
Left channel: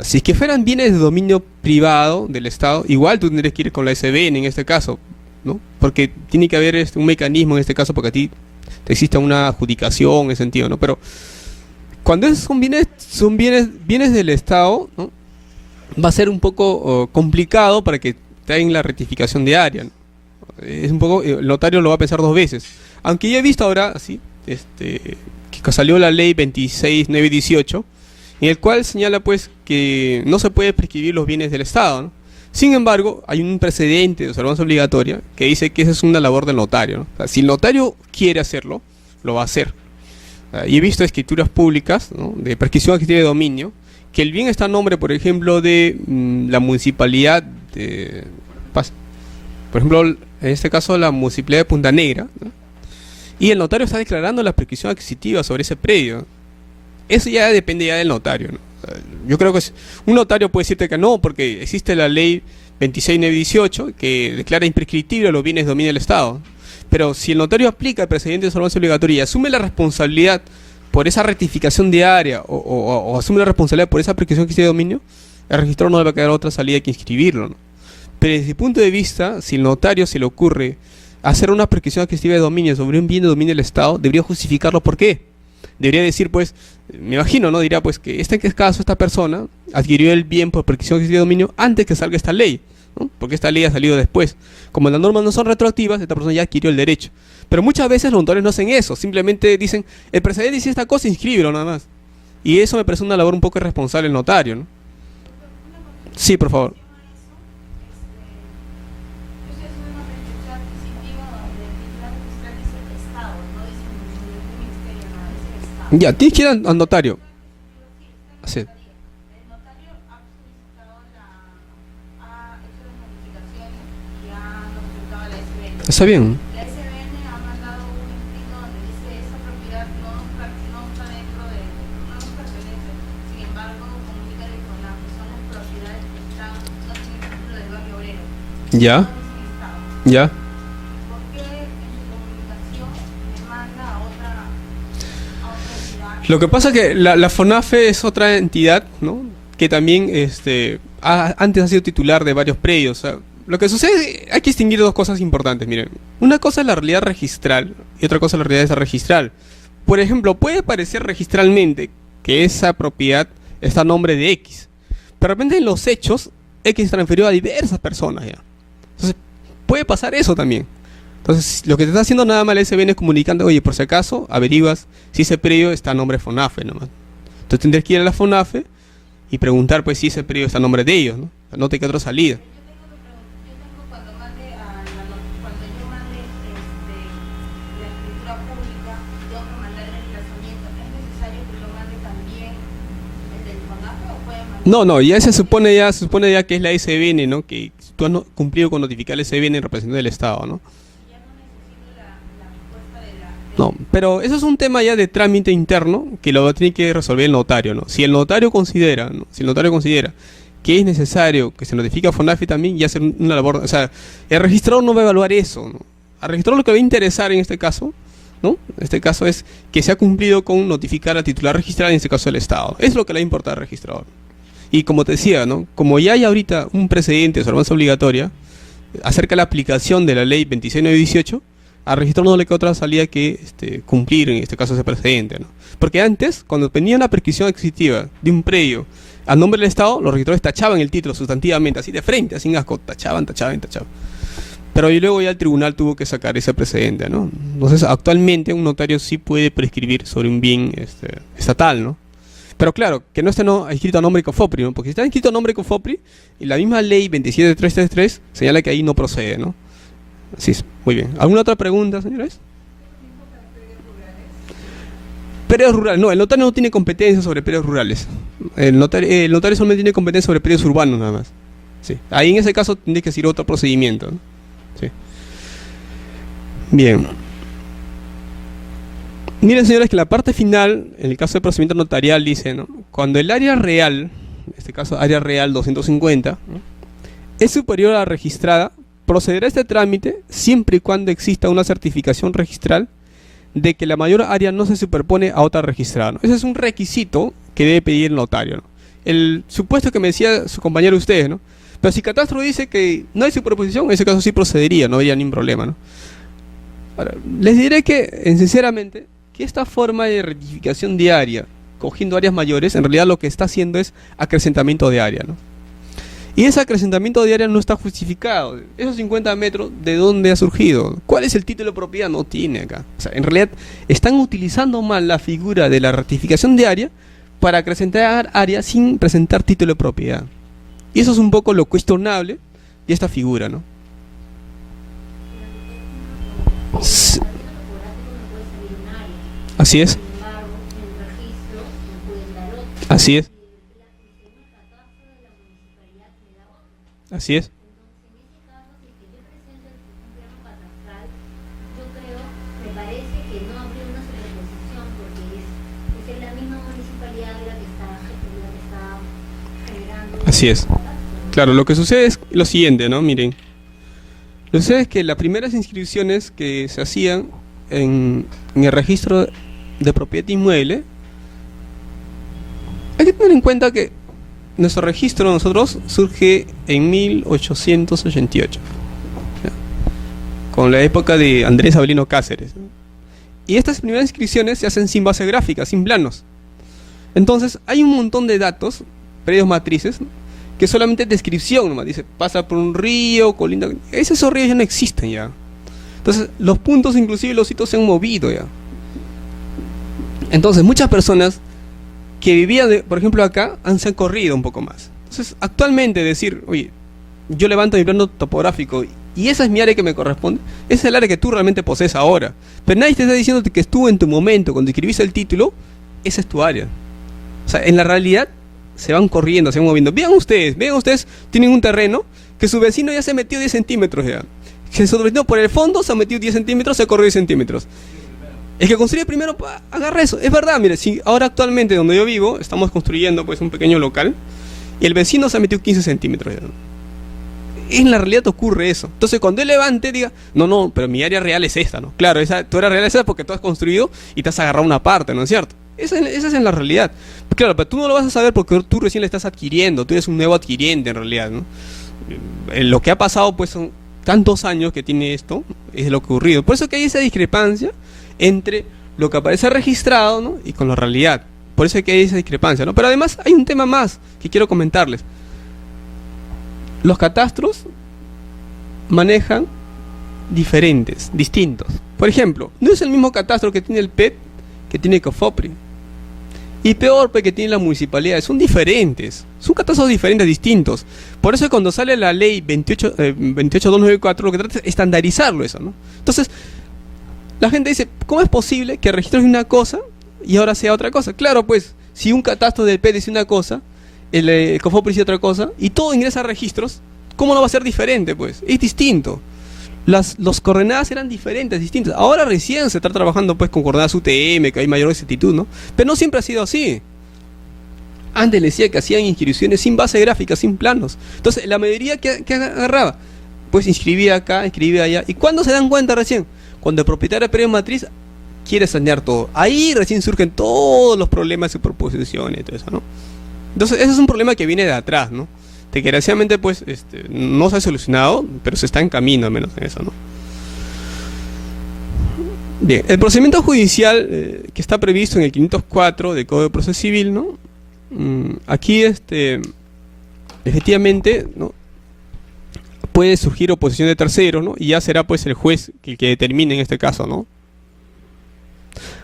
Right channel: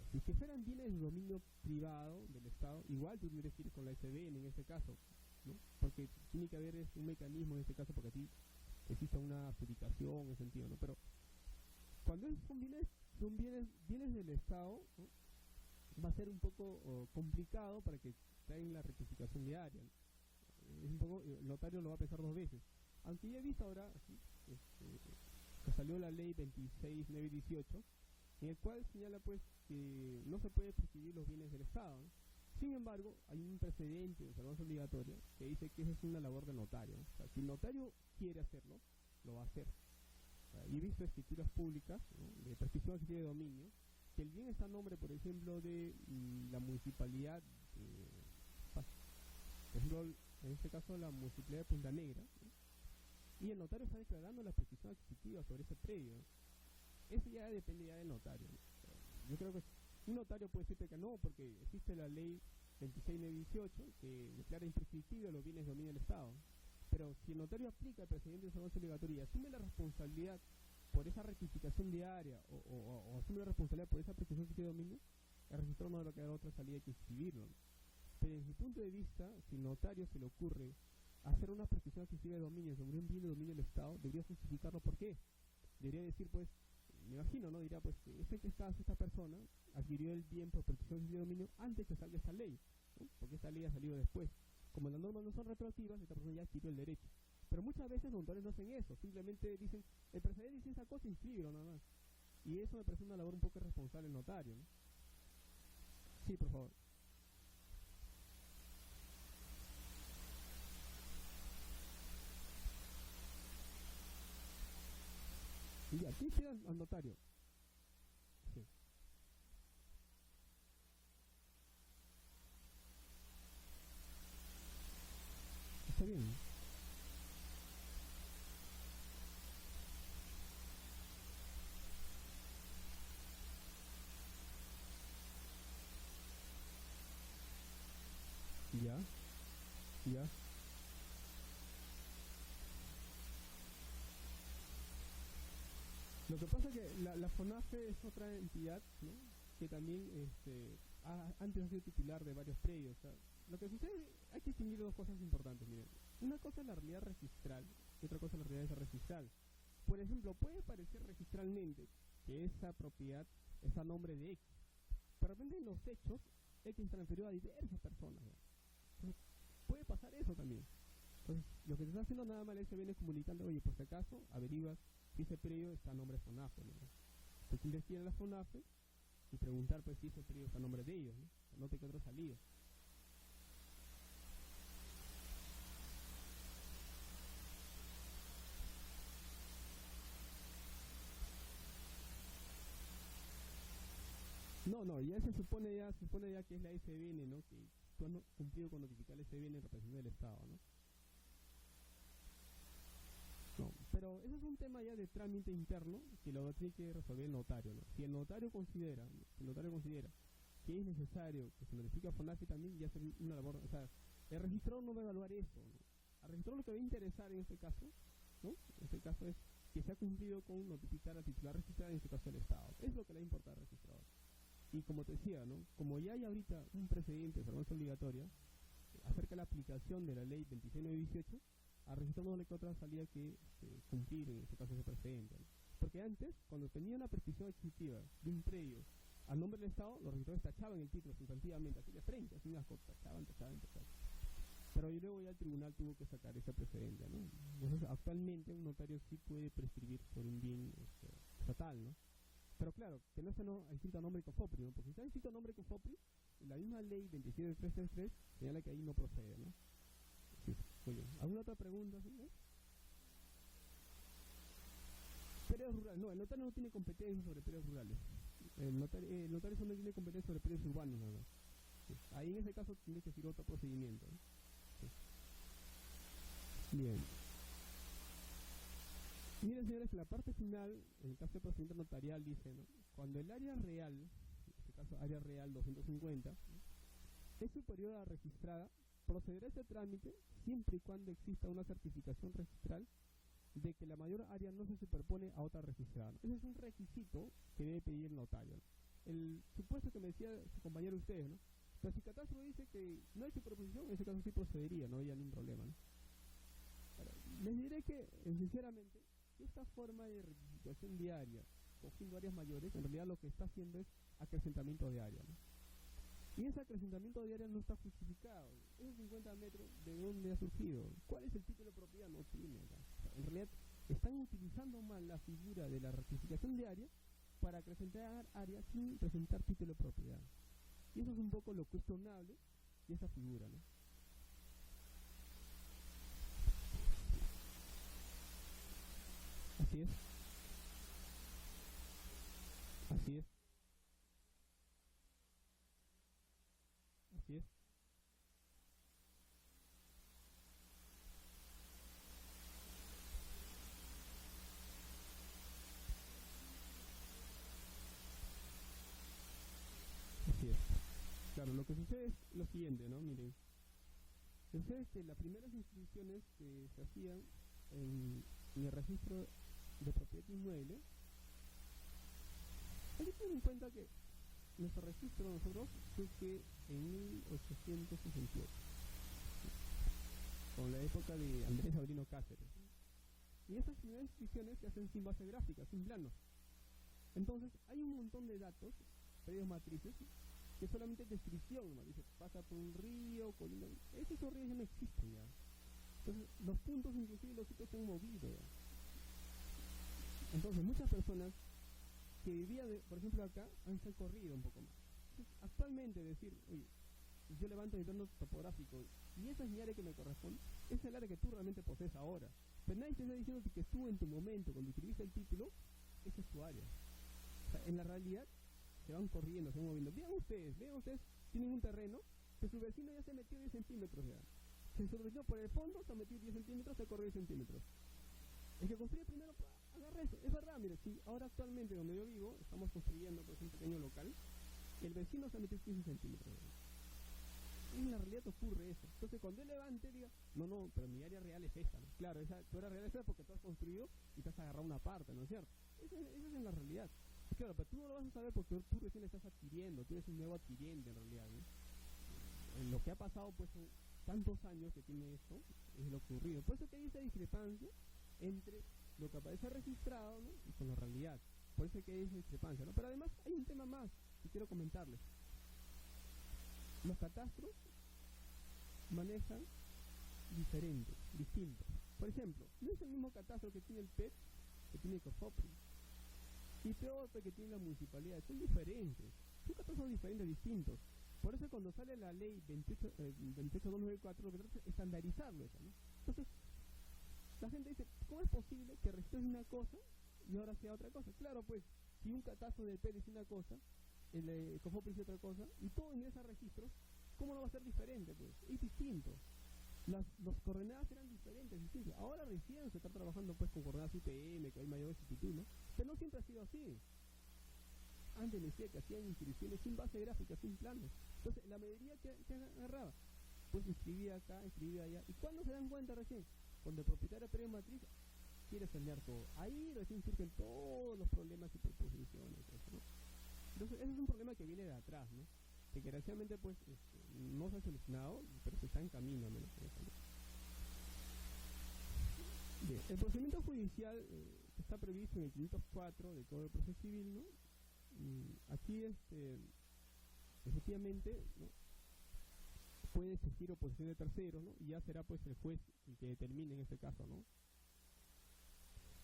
Si es que fueran bienes de dominio privado del Estado, igual tú tendrías que ir con la SBN en este caso, ¿no? Porque tiene que haber un mecanismo en este caso porque a ti te existe una adjudicación en ese sentido, ¿no? Pero cuando son bienes del Estado, ¿no? Va a ser un poco complicado para que te hagan la rectificación de área, ¿no? Es un poco, el notario lo va a pensar dos veces. Aunque ya he visto ahora, así, que salió la ley 26.918, en el cual señala pues que no se puede prescribir los bienes del Estado, ¿no? Sin embargo, hay un precedente de observancia obligatoria que dice que esa es una labor del notario, ¿no? O sea, si el notario quiere hacerlo, lo va a hacer. Y he visto escrituras públicas, ¿no? De prescripción adquisitiva de dominio, que el bien está a nombre, por ejemplo, de la municipalidad de Paz. Por ejemplo, en este caso la municipalidad de Punta Negra, ¿no? Y el notario está declarando la prescripción adquisitiva sobre ese predio. Eso ya depende ya del notario, ¿no? Yo creo que un notario puede decirte que no, porque existe la ley 26.918 que declara imprescriptible los bienes de dominio del Estado. Pero si el notario aplica el precedente de observancia obligatoria y asume la responsabilidad por esa rectificación de área o asume la responsabilidad por esa prescripción que de dominio, el registro no le va a quedar otra salida que inscribirlo, ¿no? Pero desde el punto de vista, si el notario se le ocurre hacer una prescripción adquisitiva de dominio sobre un bien de dominio del Estado, debería justificarlo por qué. Debería decir, pues, me imagino, ¿no? Diría, pues, que en caso esta persona adquirió el bien por prescripción adquisitiva de dominio antes que salga esta ley, ¿no? Porque esta ley ha salido después. Como las normas no son retroactivas, esta persona ya adquirió el derecho. Pero muchas veces los notarios no hacen eso, simplemente dicen, el precedente dice esta cosa, inscríbelo nada más. Y eso me parece una labor un poco irresponsable del notario, ¿no? Sí, por favor. Ya, tienes que ir al notario. Sí. Está bien. Ya, ya. Lo que pasa es que la FONAFE es otra entidad, ¿no? Que también antes ha sido titular de varios predios. O sea, lo que sucede, hay que distinguir dos cosas importantes, miren. Una cosa es la realidad registral y otra cosa es la realidad extrarregistral. Por ejemplo, puede parecer registralmente que esa propiedad está a nombre de X, pero de repente en los hechos X transfirió a diversas personas ya. Entonces, puede pasar eso también. Entonces, lo que te está haciendo nada más el SBN es comunicando, oye, por si acaso, averiguas si ese predio está a nombre de FONAFE nomás. Entonces tendrías que ir a la FONAFE y preguntar pues si ese predio está a nombre de ellos, ¿no? O sea, no te queda otra salida. No, se supone ya que es la SBN, ¿no? Que tú has cumplido con notificar al SBN en representación del Estado, ¿no? No, pero eso es un tema ya de trámite interno que lo tiene que resolver el notario, ¿no? Si el notario considera, ¿no? Si el notario considera que es necesario que se notifique a FONAFI también y hacer una labor, o sea, el registrador no va a evaluar eso, ¿no? Al registrador lo que va a interesar en este caso, ¿no? En este caso es que se ha cumplido con notificar al titular registral, en este caso el Estado. Es lo que le importa al registrador. Y como te decía, ¿no? Como ya hay ahorita un precedente de observancia obligatoria acerca de la aplicación de la ley 26918, al registrador no le queda otra salida que cumplir en este caso ese precedente, ¿no? Porque antes, cuando venía una prescripción adquisitiva de un predio a nombre del Estado, los registradores tachaban el título sustantivamente, así de frente, sin asco, tachaban. Pero luego ya el tribunal tuvo que sacar ese precedente, ¿no? Entonces, actualmente un notario sí puede prescribir sobre un bien estatal, ¿no? Pero claro, que no esté escrito a nombre de COFOPRI, ¿no? Porque si está escrito a nombre de COFOPRI, y la misma ley 27333 señala que ahí no procede, ¿no? Así es, muy bien. ¿Alguna otra pregunta, señores? Predios rurales, no, el notario no tiene competencia sobre predios rurales. El notario solamente tiene competencia sobre predios urbanos nada más. Sí. Ahí en ese caso tendría que seguir otro procedimiento, ¿no? Sí. Bien. Miren, señores, que la parte final, en el caso del procedimiento notarial, dice, ¿no? Cuando el área real, en este caso área real 250, ¿no?, es superior a la registrada, procederá a este trámite siempre y cuando exista una certificación registral de que la mayor área no se superpone a otra registrada, ¿no? Ese es un requisito que debe pedir el notario, ¿no? El supuesto que me decía su compañero ustedes, ¿no? Pero si Catastro dice que no hay superposición, en ese caso sí procedería, no habría ningún problema, ¿no? Ahora, les diré que, sinceramente, que esta forma de rectificación de área, cogiendo áreas mayores, en realidad lo que está haciendo es acrecentamiento de área, ¿no? Y ese acrecentamiento de área no está justificado. Esos 50 metros, ¿de dónde ha surgido? ¿Cuál es el título de propiedad? No tiene acá. O sea, en realidad están utilizando mal la figura de la rectificación de área para acrecentar área sin presentar título de propiedad. Y eso es un poco lo cuestionable de esta figura, ¿no? Así es. Así es. Así es. Así es. Claro, lo que sucede es lo siguiente, ¿no? Miren. Lo que sucede es que las primeras inscripciones que se hacían en el registro de propiedad inmueble, hay que tener en cuenta que nuestro registro de nosotros surge en 1888, ¿ya?, con la época de Andrés Avelino Cáceres, ¿no? Y estas primeras inscripciones se hacen sin base gráfica, sin planos. Entonces hay un montón de datos, predios matrices, ¿no?, que solamente descripción nomás, dice, pasa por un río, colinda. Esos ríos ya no existen ya. Entonces los puntos, inclusive los sitios, se han movido ya. Entonces muchas personas que vivían, por ejemplo, acá, se han corrido un poco más. Entonces, actualmente decir, oye, yo levanto mi plano topográfico y esa es mi área que me corresponde, esa es el área que tú realmente posees ahora. Pero nadie te está diciendo que estuvo en tu momento, cuando escribiste el título, esa es tu área. O sea, en la realidad, se van corriendo, se van moviendo. Vean ustedes, tienen un terreno que su vecino ya se metió 10 centímetros ya. Que su vecino por el fondo se ha metido 10 centímetros, se corrió 10 centímetros. El que construye primero, agarra eso. Es verdad, mire, si ahora actualmente donde yo vivo, estamos construyendo pues un pequeño local, y el vecino se ha metido 15 centímetros. En la realidad ocurre eso. Entonces cuando él levante, diga, no, pero mi área real es esta, ¿no? Claro, tu área real es esta porque tú has construido y te has agarrado una parte, ¿no es cierto? Esa es en la realidad. Claro, pero tú no lo vas a saber porque tú recién le estás adquiriendo, tú eres un nuevo adquiriente en realidad, ¿no? Lo que ha pasado pues son tantos años que tiene esto, es lo que ha ocurrido. Por eso que hay esa discrepancia entre lo que aparece registrado, ¿no?, y con la realidad. Por eso que hay esa discrepancia, ¿no? Pero además hay un tema más que quiero comentarles. Los catastros manejan distintos. Por ejemplo, no es el mismo catastro que tiene el PET que tiene COFOPRI. Y peor, que tiene la municipalidad. Son diferentes. Son catastros diferentes, distintos. Por eso cuando sale la ley 28294, lo que trata es estandarizarlo eso, ¿no? Entonces, la gente dice, ¿cómo es posible que registres una cosa y ahora sea otra cosa? Claro, pues, si un catastro del PET dice una cosa, el COFOPRI dice otra cosa, y todo ingresa a registros, ¿cómo no va a ser diferente, pues? Es distinto. Los coordenadas eran diferentes, distintas. Ahora recién se está trabajando pues con coordenadas UTM, que hay mayor exactitud, ¿no? Pero no siempre ha sido así. Antes les decía que hacían inscripciones sin base gráfica, sin planos. Entonces, la mayoría que agarraba, pues inscribía acá, inscribía allá. ¿Y cuándo se dan cuenta recién? Cuando el propietario de predio matriz quiere sanear todo. Ahí recién surgen todos los problemas de superposición y todo eso, ¿no? Entonces, ese es un problema que viene de atrás, ¿no? De que desgraciadamente, pues, no se ha solucionado, pero se está en camino, al menos en eso, ¿no? Bien, el procedimiento judicial que está previsto en el 504 del Código de Proceso Civil, ¿no? Aquí, efectivamente, ¿no? Puede surgir oposición de terceros, ¿no? Y ya será, pues, el juez el que determine en este caso, ¿no?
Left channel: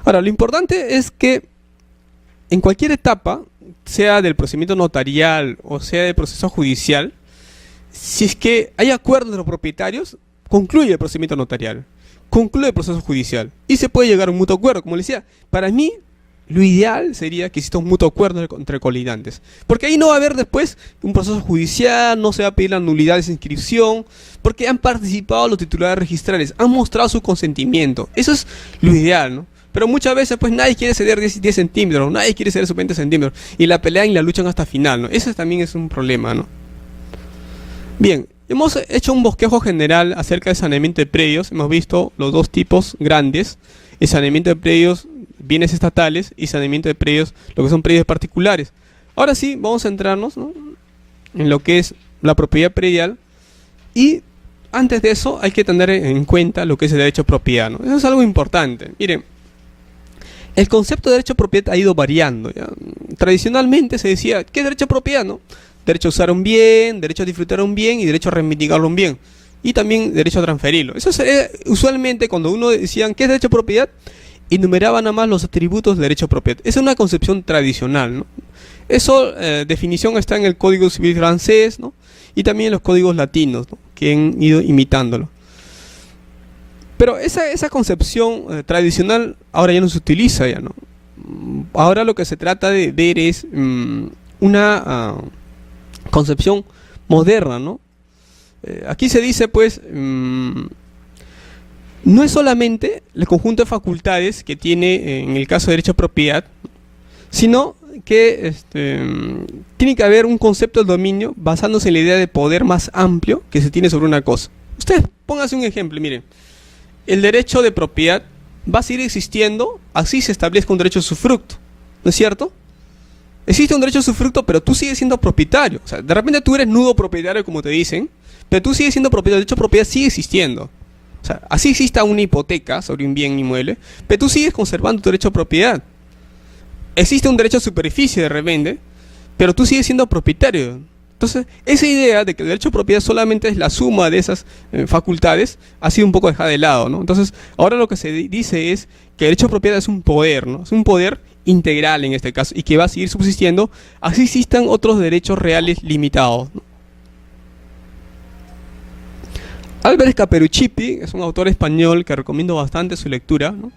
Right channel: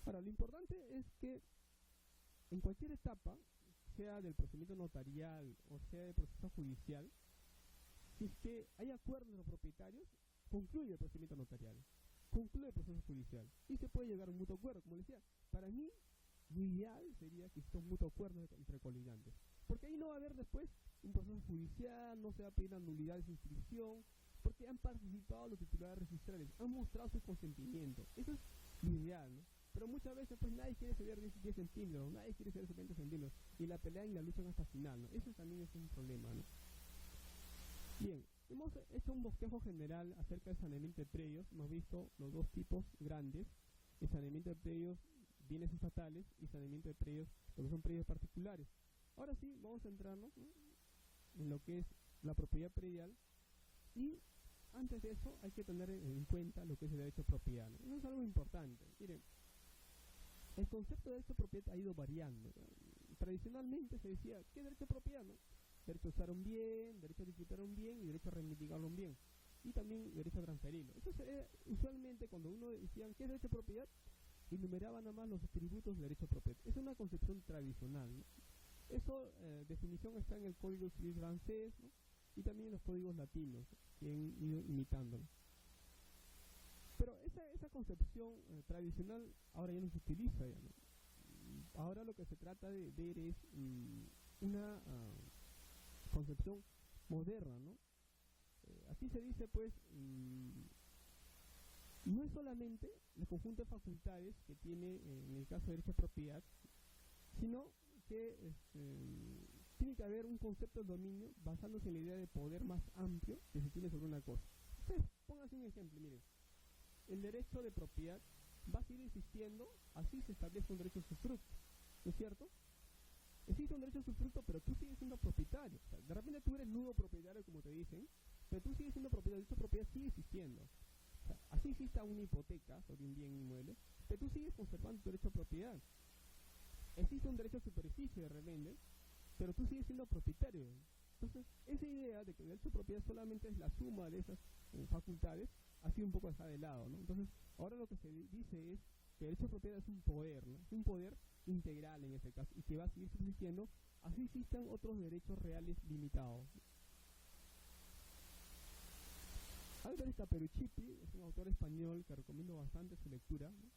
Ahora, lo importante es que en cualquier etapa, sea del procedimiento notarial o sea del proceso judicial, si es que hay acuerdo de los propietarios, concluye el procedimiento notarial, concluye el proceso judicial y se puede llegar a un mutuo acuerdo. Como les decía, para mí lo ideal sería que exista un mutuo acuerdo entre colidantes, porque ahí no va a haber después un proceso judicial, no se va a pedir la nulidad de esa inscripción, porque han participado los titulares registrales, han mostrado su consentimiento. Eso es lo ideal, ¿no? Pero muchas veces pues nadie quiere ceder 10 centímetros, nadie quiere ceder sus 20 centímetros, y la pelean y la luchan hasta final, ¿no? Eso también es un problema, ¿no? Bien, hemos hecho un bosquejo general acerca del saneamiento de predios. Hemos visto los dos tipos grandes: el saneamiento de predios, bienes estatales, y saneamiento de predios, lo que son predios particulares. Ahora sí, vamos a centrarnos, ¿no?, en lo que es la propiedad predial, y antes de eso hay que tener en cuenta lo que es el derecho a propiedad, ¿no? Eso es algo importante. Miren, el concepto de derecho a propiedad ha ido variando, ¿ya? Tradicionalmente se decía, ¿qué es derecho a propiedad, no? Derecho a usar un bien, derecho a disfrutar un bien y derecho a reivindicarlo un bien. Y también derecho a transferirlo. Eso es, usualmente cuando uno decían, ¿qué es derecho a propiedad?, enumeraban nada más los atributos del derecho a propiedad. Esa es una concepción tradicional, ¿no? Eso, definición está en el Código Civil francés, ¿no?, y también en los códigos latinos, ¿no?, que han ido imitándolo. Pero esa concepción tradicional ahora ya no se utiliza, ya, ¿no? Ahora lo que se trata de ver es una concepción moderna, ¿no? Aquí se dice, pues, no es solamente el conjunto de facultades que tiene en el caso de derecho a propiedad, sino que tiene que haber un concepto del dominio basándose en la idea de poder más amplio que se tiene sobre una cosa. Ustedes pónganse un ejemplo, miren. El derecho de propiedad va a seguir existiendo, así se establezca un derecho de usufructo, ¿no es cierto? Existe un derecho de usufructo, pero tú sigues siendo propietario. O sea, de repente tú eres nudo propietario, como te dicen, pero tú sigues siendo propietario. El derecho de propiedad sigue existiendo. O sea, así exista una hipoteca sobre un bien inmueble, pero tú sigues conservando tu derecho a propiedad. Existe un derecho a superficie de repente, pero tú sigues siendo propietario. Entonces, esa idea de que el derecho a propiedad solamente es la suma de esas facultades ha sido un poco dejada de lado, ¿no? Entonces, ahora lo que se dice es que el derecho a propiedad es un poder, ¿no? Es un poder integral en este caso y que va a seguir subsistiendo, así existan otros derechos reales limitados, ¿no? Álvarez Caperuccipi es un autor español que recomiendo bastante su lectura, ¿no?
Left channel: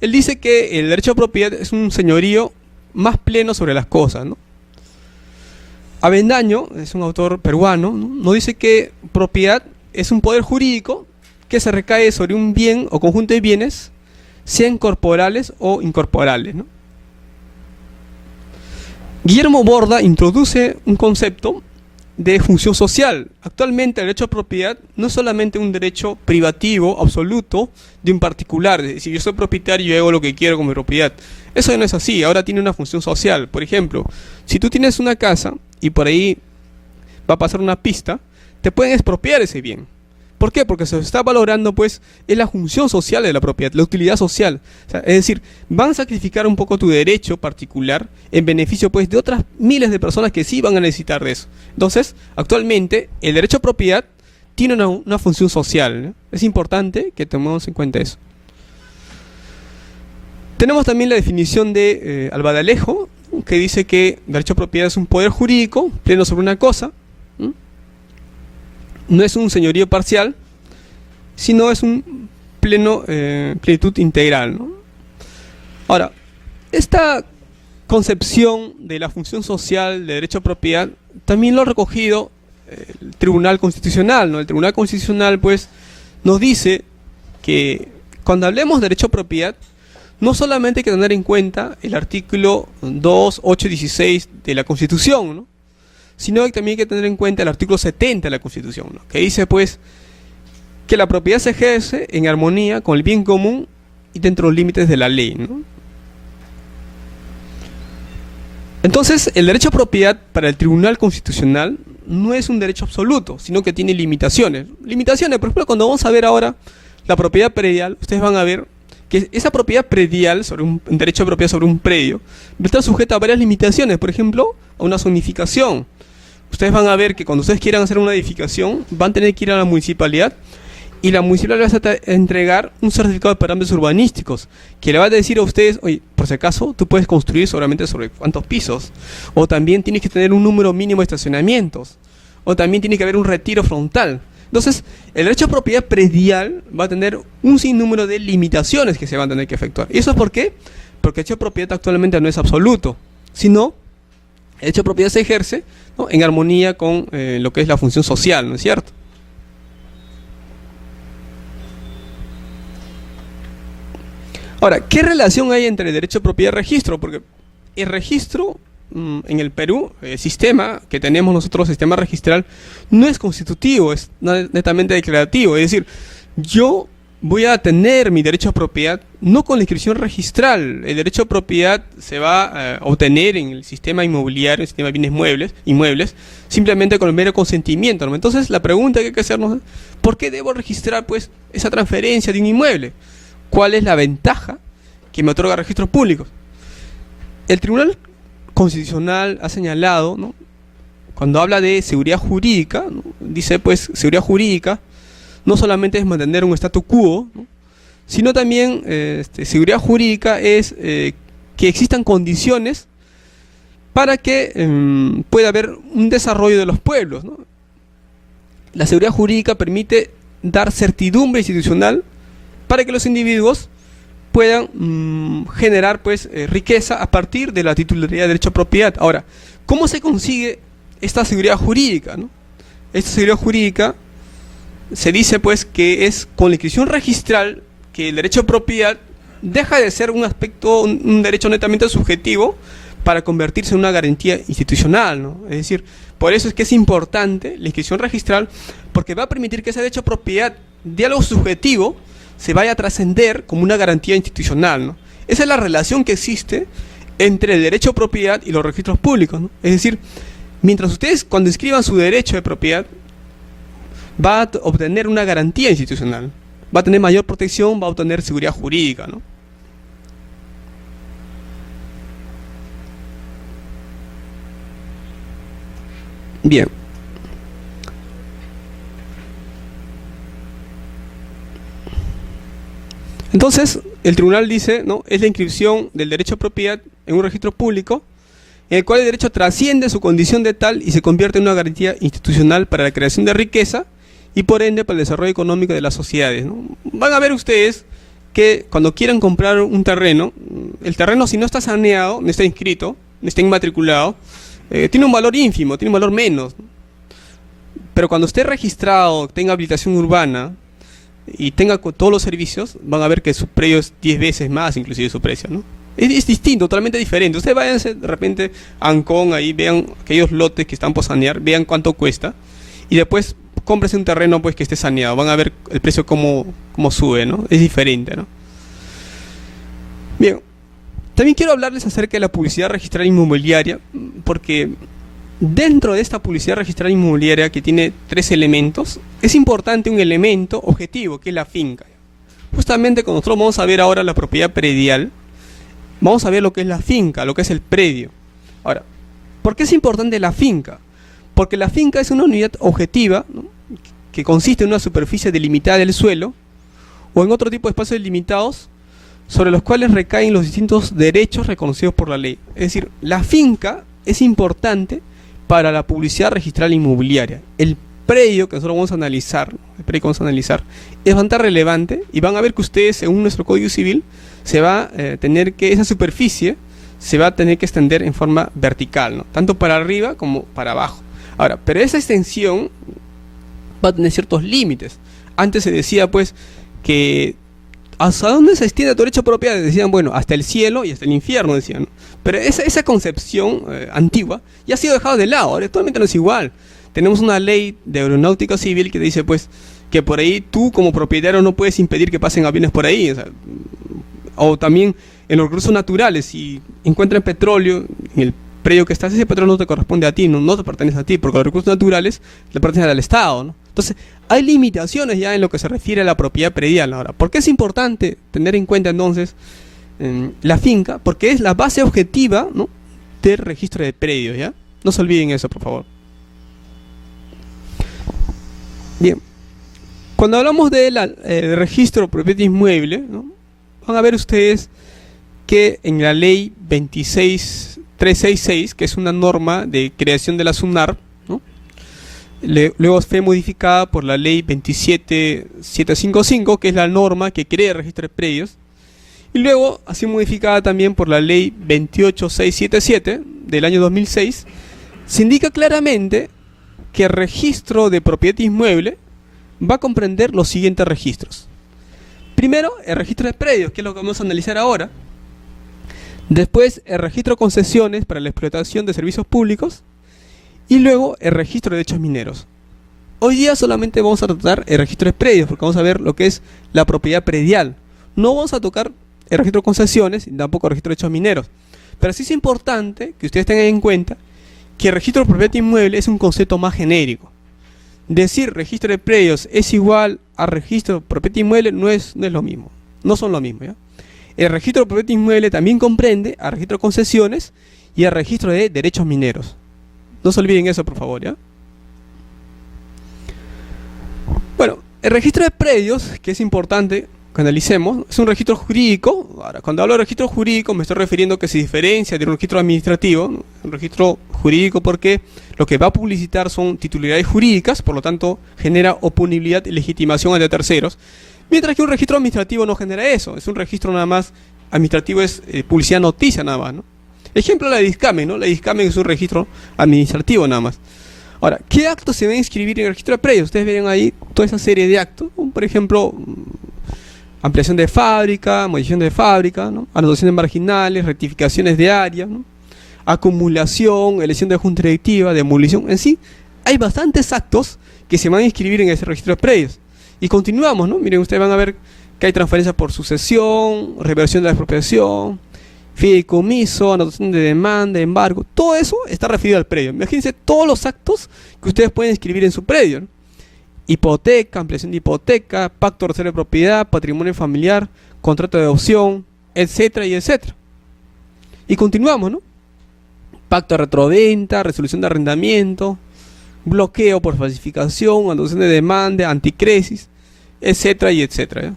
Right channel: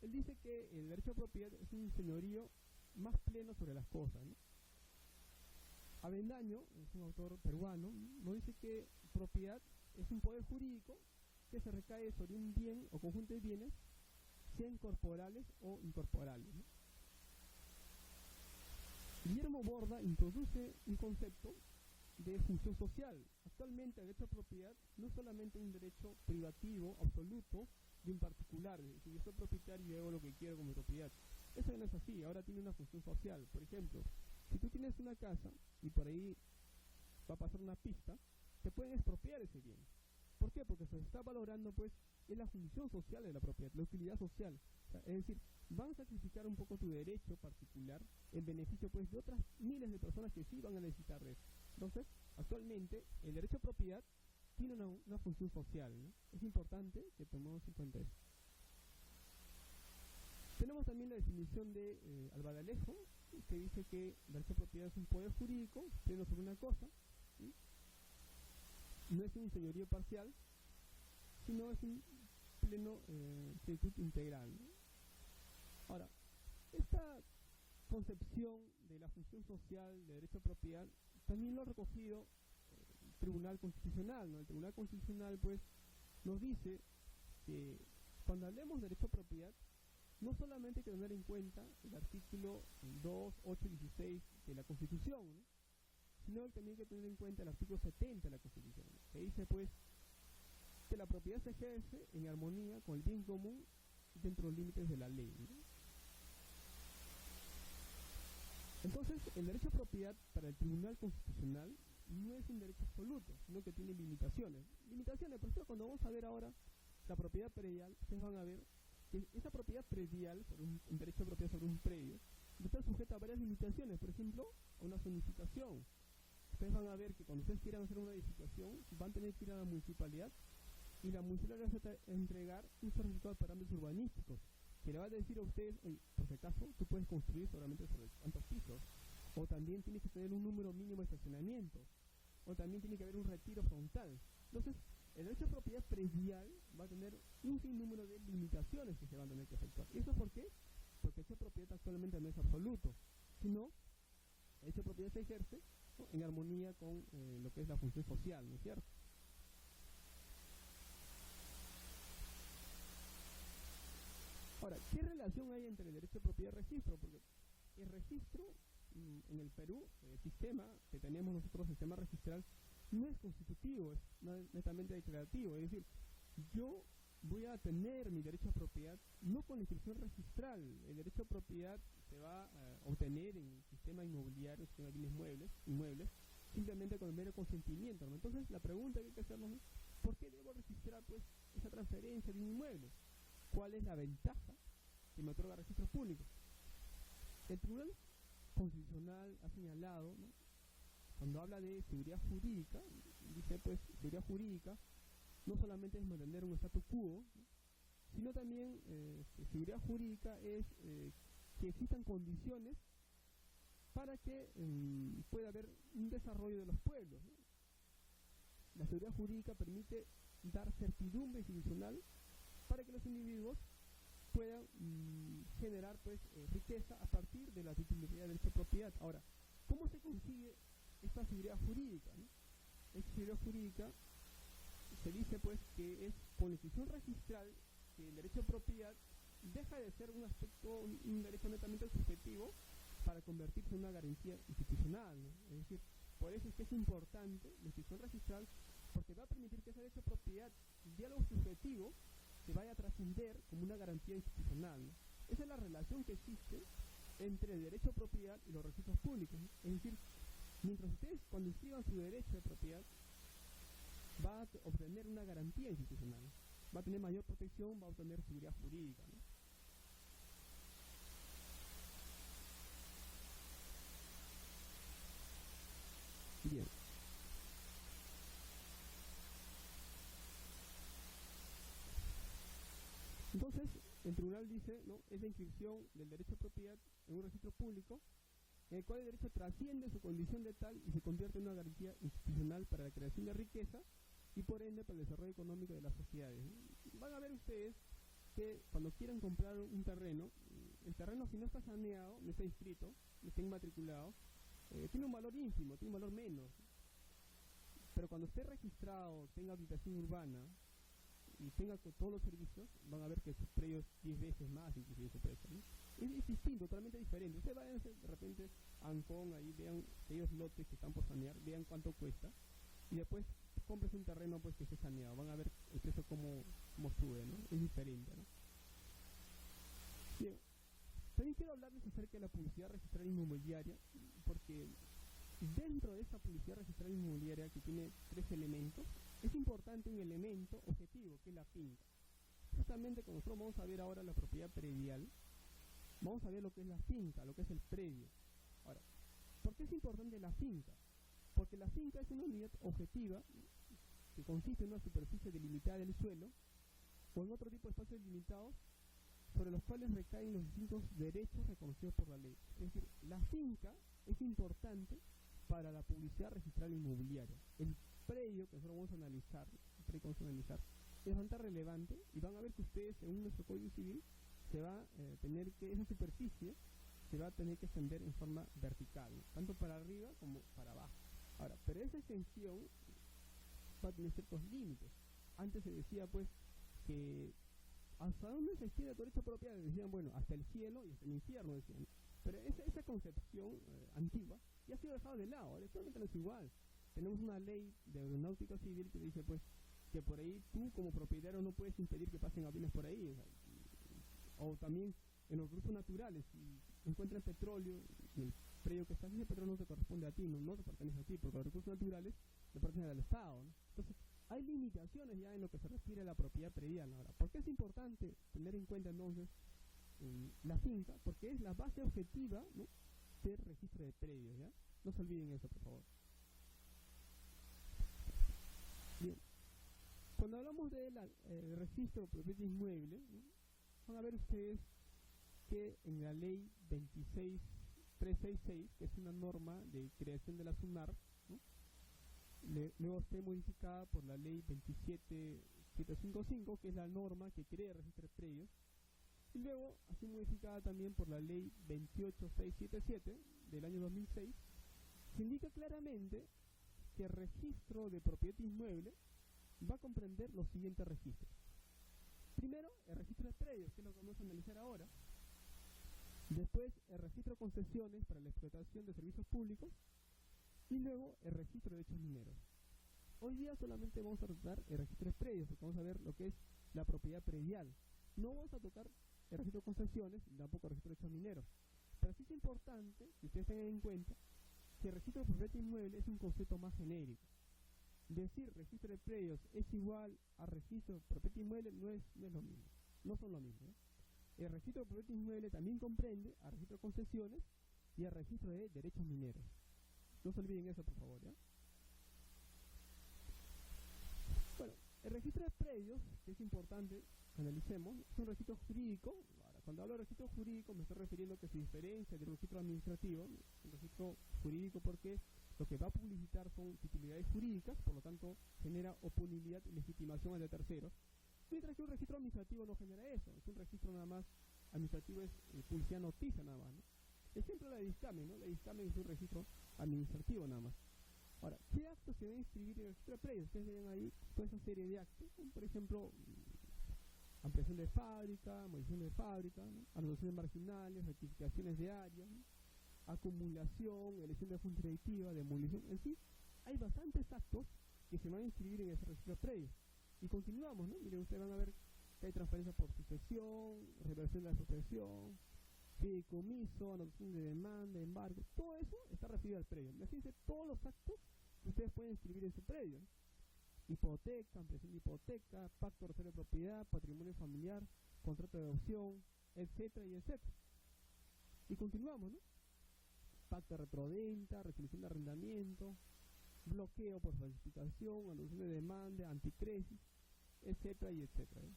Él dice que el derecho a propiedad es un señorío más pleno sobre las cosas, ¿no? Avendaño, es un autor peruano, ¿no?, nos dice que propiedad es un poder jurídico que se recae sobre un bien o conjunto de bienes, sean corporales o incorporales, ¿no? Guillermo Borda introduce un concepto de función social. Actualmente el derecho a propiedad no es solamente un derecho privativo absoluto de un particular. Es decir, yo soy propietario y yo hago lo que quiero con mi propiedad. Eso no es así, ahora tiene una función social. Por ejemplo, si tú tienes una casa y por ahí va a pasar una pista, te pueden expropiar ese bien. ¿Por qué? Porque se está valorando, pues, es la función social de la propiedad, la utilidad social. O sea, es decir, van a sacrificar un poco tu derecho particular en beneficio, pues, de otras miles de personas que sí van a necesitar de eso. Entonces, actualmente, el derecho a propiedad tiene una función social, ¿no? Es importante que tomemos en cuenta eso. Tenemos también la definición de Alba de Alejo, que dice que el derecho a propiedad es un poder jurídico pleno sobre una cosa. No es un señorío parcial, sino es un plenitud integral, ¿no? Ahora, esta concepción de la función social de derecho a propiedad también lo ha recogido el Tribunal Constitucional, ¿no? El Tribunal Constitucional, pues, nos dice que cuando hablemos de derecho a propiedad, no solamente hay que tener en cuenta el artículo 2, 8 y 16 de la Constitución, ¿no? Sino que también hay que tener en cuenta el artículo 70 de la Constitución, ¿no? Que dice pues que la propiedad se ejerce en armonía con el bien común y dentro de los límites de la ley, ¿no? Entonces, el derecho a propiedad para el Tribunal Constitucional no es un derecho absoluto, sino que tiene limitaciones. Limitaciones, por ejemplo, cuando vamos a ver ahora la propiedad predial, ustedes van a ver que esa propiedad predial, sobre un derecho de propiedad sobre un predio, va a estar sujeta a varias limitaciones, por ejemplo, a una zonificación. Ustedes van a ver que cuando ustedes quieran hacer una edificación, van a tener que ir a la municipalidad y la municipalidad les va a entregar un certificado de parámetros urbanísticos que le va a decir a ustedes, oye, por si acaso, tú puedes construir solamente sobre cuántos pisos, o también tienes que tener un número mínimo de estacionamientos, o también tiene que haber un retiro frontal. Entonces, el derecho a propiedad predial va a tener un sinnúmero de limitaciones que se van a tener que efectuar. ¿Y eso es por qué? Porque el derecho a propiedad actualmente no es absoluto, sino el derecho a propiedad se ejerce, ¿no?, en armonía con lo que es la función social, ¿no es cierto? Ahora, ¿qué relación hay entre el derecho a propiedad y registro? Porque el registro en el Perú, el sistema que tenemos nosotros, el sistema registral, no es constitutivo, es netamente declarativo. Es decir, yo voy a tener mi derecho a propiedad no con la inscripción registral. El derecho a propiedad se va a obtener en el sistema inmobiliario, el sistema de bienes inmuebles, simplemente con el mero consentimiento, ¿no? Entonces, la pregunta que hay que hacernos es, ¿por qué debo registrar pues esa transferencia de un inmueble? ¿Cuál es la ventaja que me otorga registros públicos? El Tribunal Constitucional ha señalado, ¿no?, cuando habla de seguridad jurídica, ¿no?, dice pues seguridad jurídica no solamente es mantener un statu quo, ¿no?, sino también seguridad jurídica es que existan condiciones para que pueda haber un desarrollo de los pueblos, ¿no? La seguridad jurídica permite dar certidumbre institucional para que los individuos puedan generar pues riqueza a partir de la titularidad de derecho a propiedad. Ahora, ¿cómo se consigue esta seguridad jurídica, ¿no? Esta seguridad jurídica se dice pues que es con la inscripción registral que el derecho a propiedad deja de ser un aspecto, un derecho netamente subjetivo para convertirse en una garantía institucional, ¿no? Es decir, por eso es que es importante la inscripción registral, porque va a permitir que ese derecho a propiedad de algo subjetivo se vaya a trascender como una garantía institucional, ¿no? Esa es la relación que existe entre el derecho a propiedad y los registros públicos, ¿no? Es decir, mientras ustedes cuando inscriban su derecho de propiedad va a obtener una garantía institucional, va a tener mayor protección, va a obtener seguridad jurídica, ¿no? Bien. Entonces, el tribunal dice, ¿no?, es la inscripción del derecho a propiedad en un registro público, en el cual el derecho trasciende su condición de tal y se convierte en una garantía institucional para la creación de riqueza y por ende para el desarrollo económico de las sociedades, ¿no? Van a ver ustedes que cuando quieran comprar un terreno, el terreno si no está saneado, no está inscrito, no está inmatriculado, tiene un valor ínfimo, tiene un valor menos, ¿no? Pero cuando esté registrado, tenga habilitación urbana y tenga todos los servicios, van a ver que su precio es 10 veces más inclusive su precio, ¿no? Es distinto, totalmente diferente. Ustedes váyanse de repente a Ancón, ahí vean aquellos lotes que están por sanear, vean cuánto cuesta y después cómprese un terreno pues que esté saneado, van a ver el precio cómo sube, ¿no? Es diferente, ¿no? Bien, también quiero hablarles acerca de la publicidad registral inmobiliaria, porque dentro de esta publicidad registral inmobiliaria, que tiene 3 elementos, es importante un elemento objetivo, que es la finca. Justamente cuando nosotros vamos a ver ahora la propiedad predial, vamos a ver lo que es la finca, lo que es el predio. Ahora, ¿por qué es importante la finca? Porque la finca es una unidad objetiva, ¿no?, que consiste en una superficie delimitada del suelo o en otro tipo de espacios delimitados sobre los cuales recaen los distintos derechos reconocidos por la ley. Es decir, la finca es importante para la publicidad registral inmobiliaria. El predio que nosotros vamos a analizar, es bastante relevante y van a ver que ustedes, según nuestro Código Civil, se va a tener que, esa superficie se va a tener que extender en forma vertical, ¿no?, tanto para arriba como para abajo. Ahora, pero esa extensión va a tener ciertos límites. Antes se decía pues que ¿hasta dónde se extiende tu derecho de propiedad? Decían, bueno, hasta el cielo y hasta el infierno, decían, ¿no? Pero esa concepción antigua ya ha sido dejada de lado, ahora actualmente no es igual. Tenemos una ley de aeronáutica civil que dice, pues, que por ahí tú como propietario no puedes impedir que pasen aviones por ahí. O también en los recursos naturales, si encuentran petróleo en el predio que estás, ese petróleo no te corresponde a ti, no te pertenece a ti, porque los recursos naturales le pertenecen al Estado, ¿no? Entonces, hay limitaciones ya en lo que se refiere a la propiedad predial ahora. ¿Por qué es importante tener en cuenta entonces la finca? Porque es la base objetiva, ¿no?, del registro de predios, ¿ya? No se olviden eso, por favor. Bien. Cuando hablamos del registro de propiedad inmueble, ¿no?, van a ver ustedes que en la ley 26366, que es una norma de creación de la SUNAR, ¿no?, luego fue modificada por la ley 27755, que es la norma que crea el registro de predios, y luego ha sido modificada también por la ley 28677 del año 2006. Se indica claramente que el registro de propiedad inmueble va a comprender los siguientes registros. Primero, el registro de predios, que es lo que vamos a analizar ahora. Después, el registro de concesiones para la explotación de servicios públicos. Y luego, el registro de derechos mineros. Hoy día solamente vamos a tratar el registro de predios, porque vamos a ver lo que es la propiedad predial. No vamos a tocar el registro de concesiones, y tampoco el registro de derechos mineros. Pero sí es importante que ustedes tengan en cuenta que el registro de propiedad inmueble es un concepto más genérico. Decir registro de predios es igual a registro de propiedad inmueble no es lo mismo. No son lo mismo, ¿ya? El registro de propiedad inmueble también comprende al registro de concesiones y al registro de derechos mineros. No se olviden eso, por favor, ¿ya? Bueno, el registro de predios, que es importante que analicemos, es un registro jurídico. Ahora, cuando hablo de registro jurídico me estoy refiriendo a que se diferencia de un registro administrativo, ¿no? Un registro jurídico porque lo que va a publicitar son titularidades jurídicas, por lo tanto genera oponibilidad y legitimación ante terceros, mientras que un registro administrativo no genera eso, es un registro nada más administrativo, es publicidad noticia nada más, ¿no? Ejemplo, la Discamen, ¿no? La Discamen es un registro administrativo nada más. Ahora, ¿qué actos se deben inscribir en el registro de predios? Ustedes ven ahí toda esa serie de actos, ¿no? Por ejemplo, ampliación de fábrica, modificación de fábrica, ¿no?, anotaciones marginales, rectificaciones de área, ¿no?, acumulación, elección de junta directiva, demolición. En sí, hay bastantes actos que se van a inscribir en ese registro de predios. Y continuamos, ¿no? Miren, ustedes van a ver que hay transferencia por sucesión, reversión de la expropiación, fideicomiso, anotación de demanda, embargo. Todo eso está referido al predio. Imagínense todos los actos que ustedes pueden inscribir en su predio, ¿no? Hipoteca, ampliación de hipoteca, pacto de reserva de propiedad, patrimonio familiar, contrato de adopción, etcétera y etcétera. Y continuamos, ¿no? Pacto de retroventa, resolución de arrendamiento, bloqueo por falsificación, anotación de demanda, anticresis, etcétera y etcétera, ¿ya?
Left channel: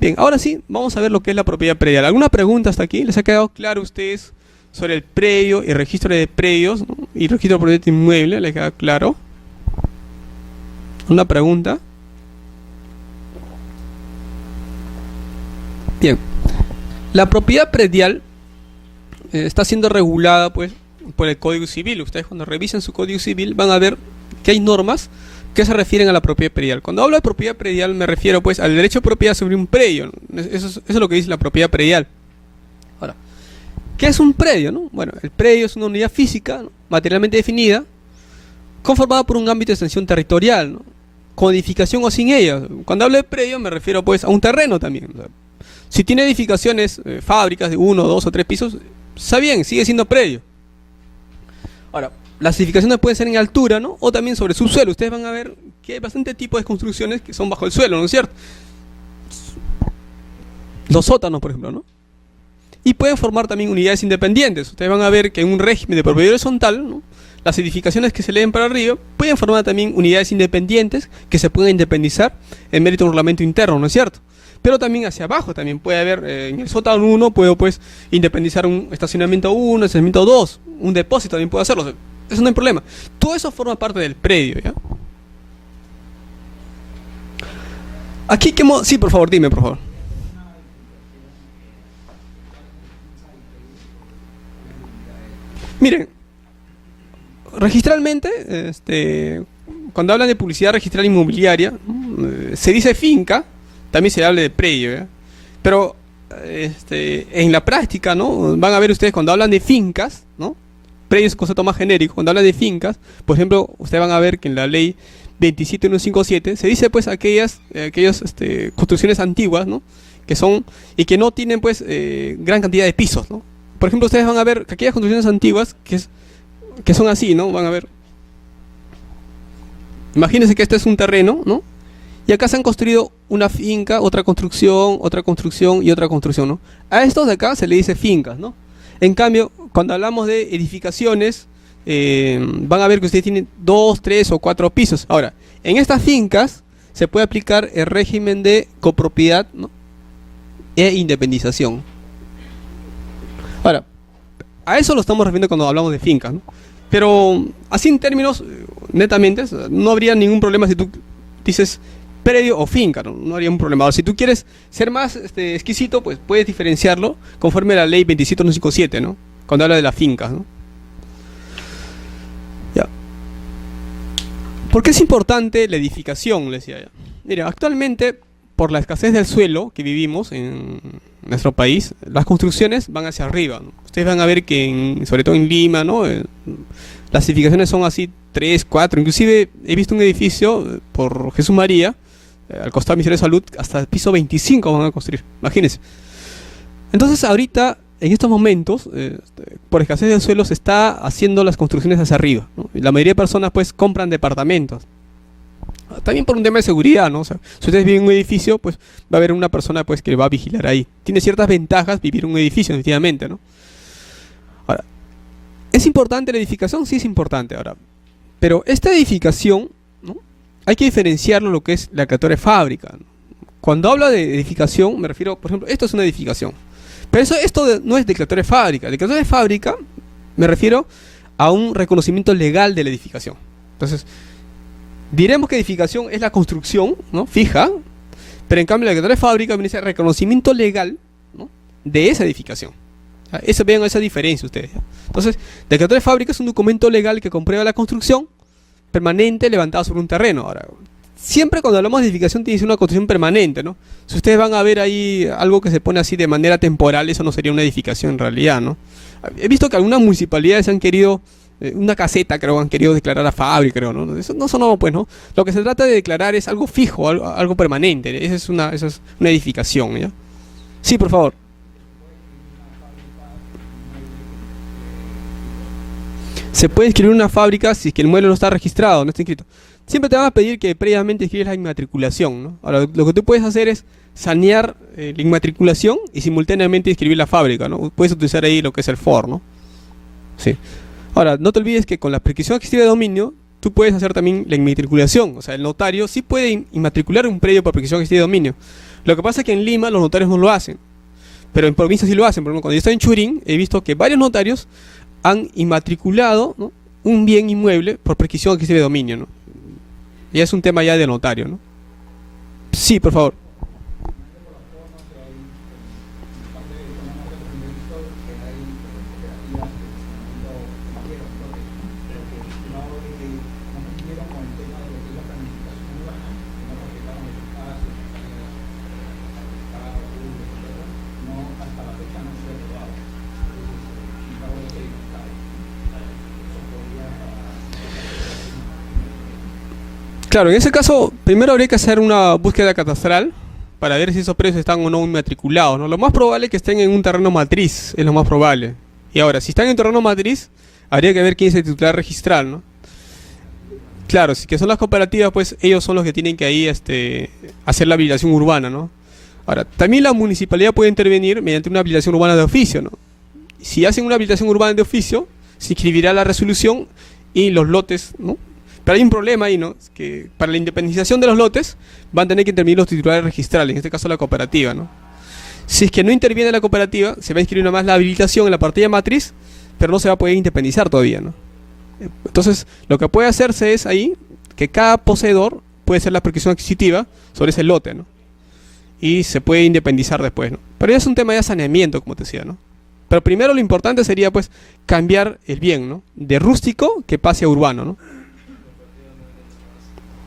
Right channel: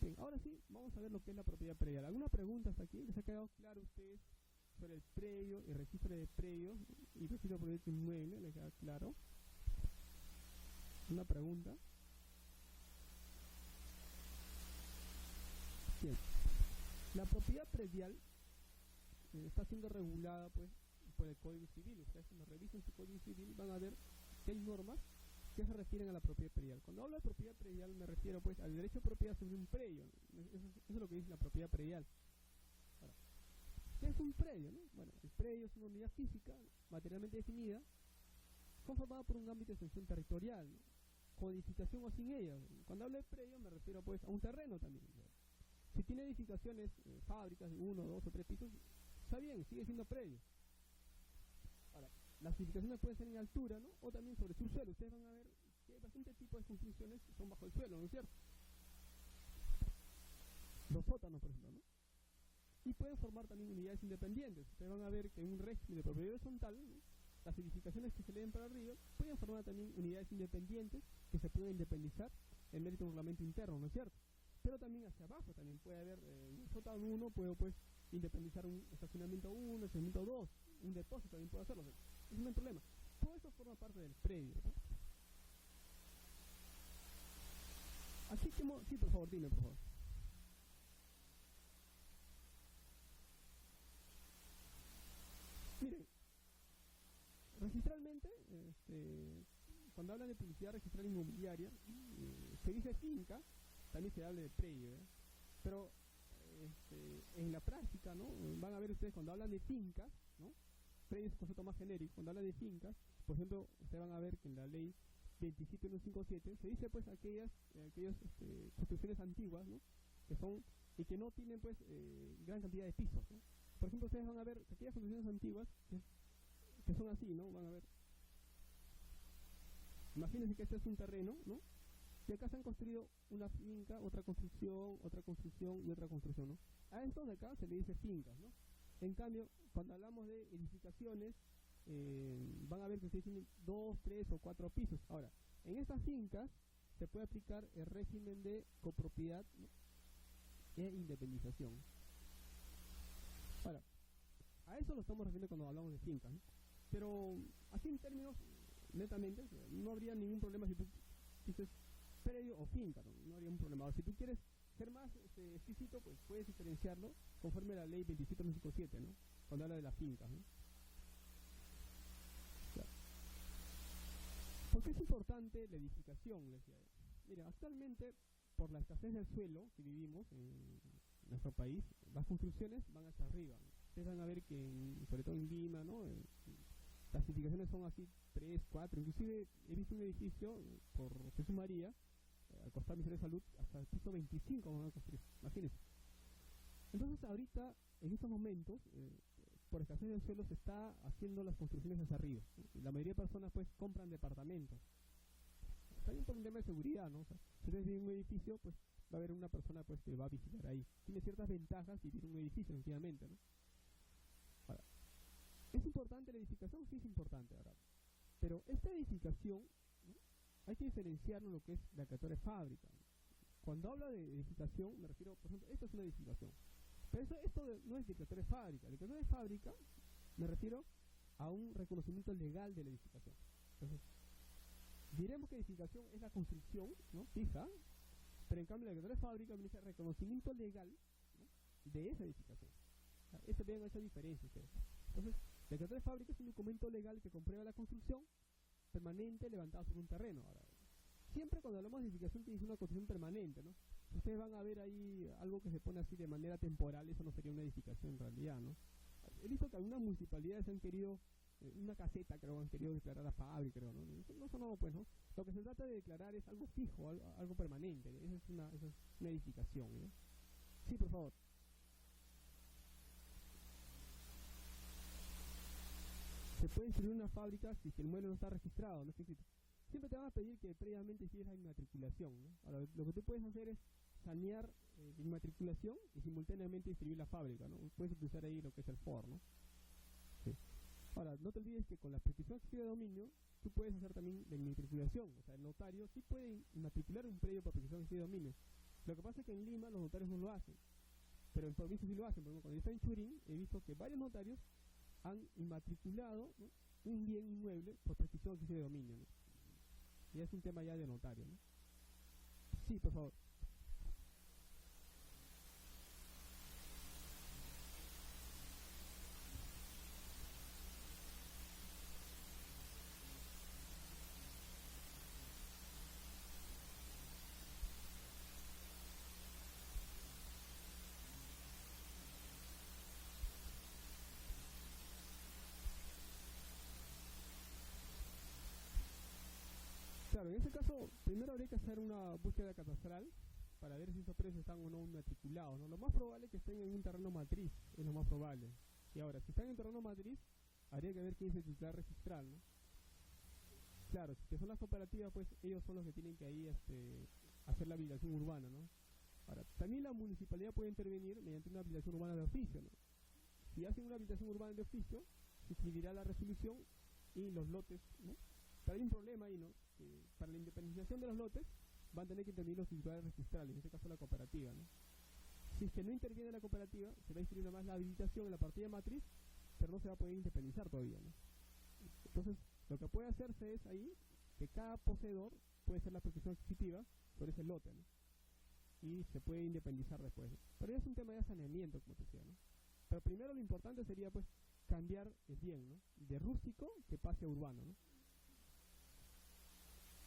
Bien, ahora sí, vamos a ver lo que es la propiedad predial. ¿Alguna pregunta hasta aquí? ¿Les ha quedado claro a ustedes sobre el predio y registro de predios, ¿no?, y registro de propiedad inmueble? ¿Les queda claro? ¿Una pregunta? Bien, la propiedad predial está siendo regulada, pues, por el Código Civil. Ustedes cuando revisen su Código Civil van a ver que hay normas que se refieren a la propiedad predial. Cuando hablo de propiedad predial me refiero, pues, al derecho de propiedad sobre un predio, ¿no? Eso es lo que dice la propiedad predial. Ahora, ¿qué es un predio, no? Bueno, el predio es una unidad física, ¿no?, materialmente definida, conformada por un ámbito de extensión territorial, ¿no?, con edificación o sin ella. Cuando hablo de predio me refiero, pues, a un terreno también. O sea, si tiene edificaciones, fábricas de 1, 2 o 3 pisos, está bien, sigue siendo predio. Ahora, las edificaciones pueden ser en altura, ¿no?, o también sobre subsuelo. Ustedes van a ver que hay bastante tipo de construcciones que son bajo el suelo, ¿no es cierto? Los sótanos, por ejemplo, ¿no? Y pueden formar también unidades independientes. Ustedes van a ver que en un régimen de propiedad horizontal, ¿no?, las edificaciones que se leen para arriba pueden formar también unidades independientes que se pueden independizar en mérito de un reglamento interno, ¿no es cierto? Pero también hacia abajo también puede haber, en el sótano 1 puedo, pues, independizar un estacionamiento 1, estacionamiento 2, un depósito también puedo hacerlo. O sea, eso no hay problema. Todo eso forma parte del predio, ¿ya? Aquí, ¿qué modo? Sí, por favor, dime, por favor. Miren, registralmente, cuando hablan de publicidad registral inmobiliaria, se dice finca, también se habla de predio, ¿ya? Pero en la práctica, ¿no? Van a ver ustedes cuando hablan de fincas, ¿no? Predios es un concepto más genérico. Cuando hablan de fincas, por ejemplo, ustedes van a ver que en la ley 27157 se dice pues aquellas construcciones antiguas, ¿no? Que son y que no tienen pues gran cantidad de pisos, ¿no? Por ejemplo, ustedes van a ver que aquellas construcciones antiguas que son así, ¿no? Van a ver. Imagínense que este es un terreno, ¿no? Y acá se han construido una finca, otra construcción y otra construcción, ¿no? A estos de acá se le dice fincas, ¿no? En cambio, cuando hablamos de edificaciones, van a ver que ustedes tienen 2, 3 o 4 pisos. Ahora, en estas fincas se puede aplicar el régimen de copropiedad, ¿no? E independización. Ahora, a eso lo estamos refiriendo cuando hablamos de fincas, ¿no? Pero así en términos netamente, no habría ningún problema si tú dices predio o finca, ¿no? No habría un problema. Ahora, si tú quieres ser más exquisito, pues puedes diferenciarlo conforme a la ley 27157, ¿no? Cuando habla de las fincas, ¿no? Ya. ¿Por qué es importante la edificación? Le decía ya. Mira, actualmente, por la escasez del suelo que vivimos en nuestro país, las construcciones van hacia arriba, ¿no? Ustedes van a ver que, sobre todo en Lima, ¿no? Las edificaciones son así 3, 4, inclusive he visto un edificio por Jesús María, al costado del Ministerio de Salud, hasta el piso 25 van a construir, imagínense. Entonces ahorita, en estos momentos, por escasez del suelo se está haciendo las construcciones hacia arriba, ¿no? Y la mayoría de personas pues compran departamentos. También por un tema de seguridad, ¿no? O sea, si ustedes viven en un edificio, pues va a haber una persona pues que va a vigilar ahí. Tiene ciertas ventajas vivir en un edificio, definitivamente, ¿no? Ahora, ¿es importante la edificación? Sí es importante, ahora. Pero esta edificación, ¿no? Hay que diferenciarlo lo que es la declaratoria de fábrica, ¿no? Cuando hablo de edificación, me refiero, por ejemplo, esto es una edificación. Pero no es declaratoria de fábrica. Declaratoria de fábrica me refiero a un reconocimiento legal de la edificación. Entonces, diremos que edificación es la construcción, ¿no? Fija, pero en cambio la declaratoria de fábrica me dice reconocimiento legal, ¿no? De esa edificación. Vean esa diferencia ustedes, ¿ya? Entonces, declaratoria de fábrica es un documento legal que comprueba la construcción permanente levantada sobre un terreno. Ahora, siempre cuando hablamos de edificación tiene que ser una construcción permanente, ¿no? Si ustedes van a ver ahí algo que se pone así de manera temporal, eso no sería una edificación en realidad, ¿no? He visto que algunas municipalidades han querido una caseta, creo, han querido declarar a fábrica, creo, ¿no? Eso no, pues, ¿no? Lo que se trata de declarar es algo fijo, algo permanente. Esa es una edificación, ¿ya? Sí, por favor. Se puede inscribir una fábrica si es que el mueble no está registrado, no está inscrito. Siempre te van a pedir que previamente inscribas la inmatriculación, ¿no? Ahora, lo que tú puedes hacer es sanear la inmatriculación y simultáneamente inscribir la fábrica, ¿no? Puedes utilizar ahí lo que es el FOR, ¿no? Sí. Ahora, no te olvides que con la prescripción adquisitiva de dominio, tú puedes hacer también la inmatriculación. O sea, el notario sí puede inmatricular un predio por prescripción adquisitiva de dominio. Lo que pasa es que en Lima los notarios no lo hacen. Pero en provincias sí lo hacen. Por ejemplo, cuando yo estaba en Churín, he visto que varios notarios han inmatriculado, ¿no? Un bien inmueble por prescripción adquisitiva de dominio, ¿no? Ya es un tema ya de notario, ¿no? Sí, por favor. Claro, en ese caso, primero habría que hacer una búsqueda catastral para ver si esos predios están o no inmatriculados, ¿no? Lo más probable es que estén en un terreno matriz, es lo más probable. Y ahora, si están en terreno matriz, habría que ver quién es el titular registral, ¿no? Claro, si que son las cooperativas, pues ellos son los que tienen que ahí hacer la habilitación urbana, ¿no? Ahora, también la municipalidad puede intervenir mediante una habilitación urbana de oficio, ¿no? Si hacen una habilitación urbana de oficio, se inscribirá la resolución y los lotes, ¿no? Pero hay un problema ahí, ¿no? Es que para la independización de los lotes van a tener que intervenir los titulares registrales, en este caso la cooperativa, ¿no? Si es que no interviene la cooperativa, se va a inscribir nomás la habilitación en la partida matriz, pero no se va a poder independizar todavía, ¿no? Entonces, lo que puede hacerse es ahí que cada poseedor puede hacer la prescripción adquisitiva sobre ese lote, ¿no? Y se puede independizar después, ¿no? Pero ya es un tema de saneamiento, como te decía, ¿no? Pero primero lo importante sería, pues, cambiar el bien, ¿no? De rústico que pase a urbano, ¿no?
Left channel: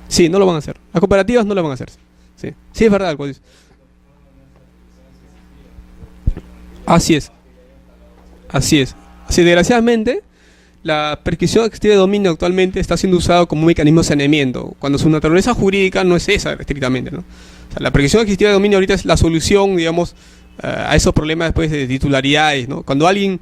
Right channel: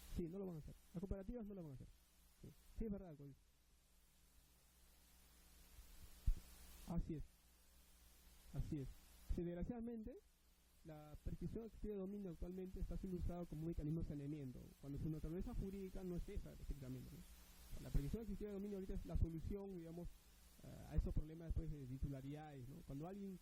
Sí, no lo van a hacer. Las cooperativas no lo van a hacer. Sí, sí es verdad, algo dice. Así es, así es. Así, desgraciadamente, la prescripción extiva de dominio actualmente está siendo usada como un mecanismo de saneamiento, cuando su naturaleza jurídica no es esa estrictamente, ¿no? O sea, la prescripción extiva de dominio ahorita es la solución, digamos, a esos problemas después de titularidades, ¿no? Cuando alguien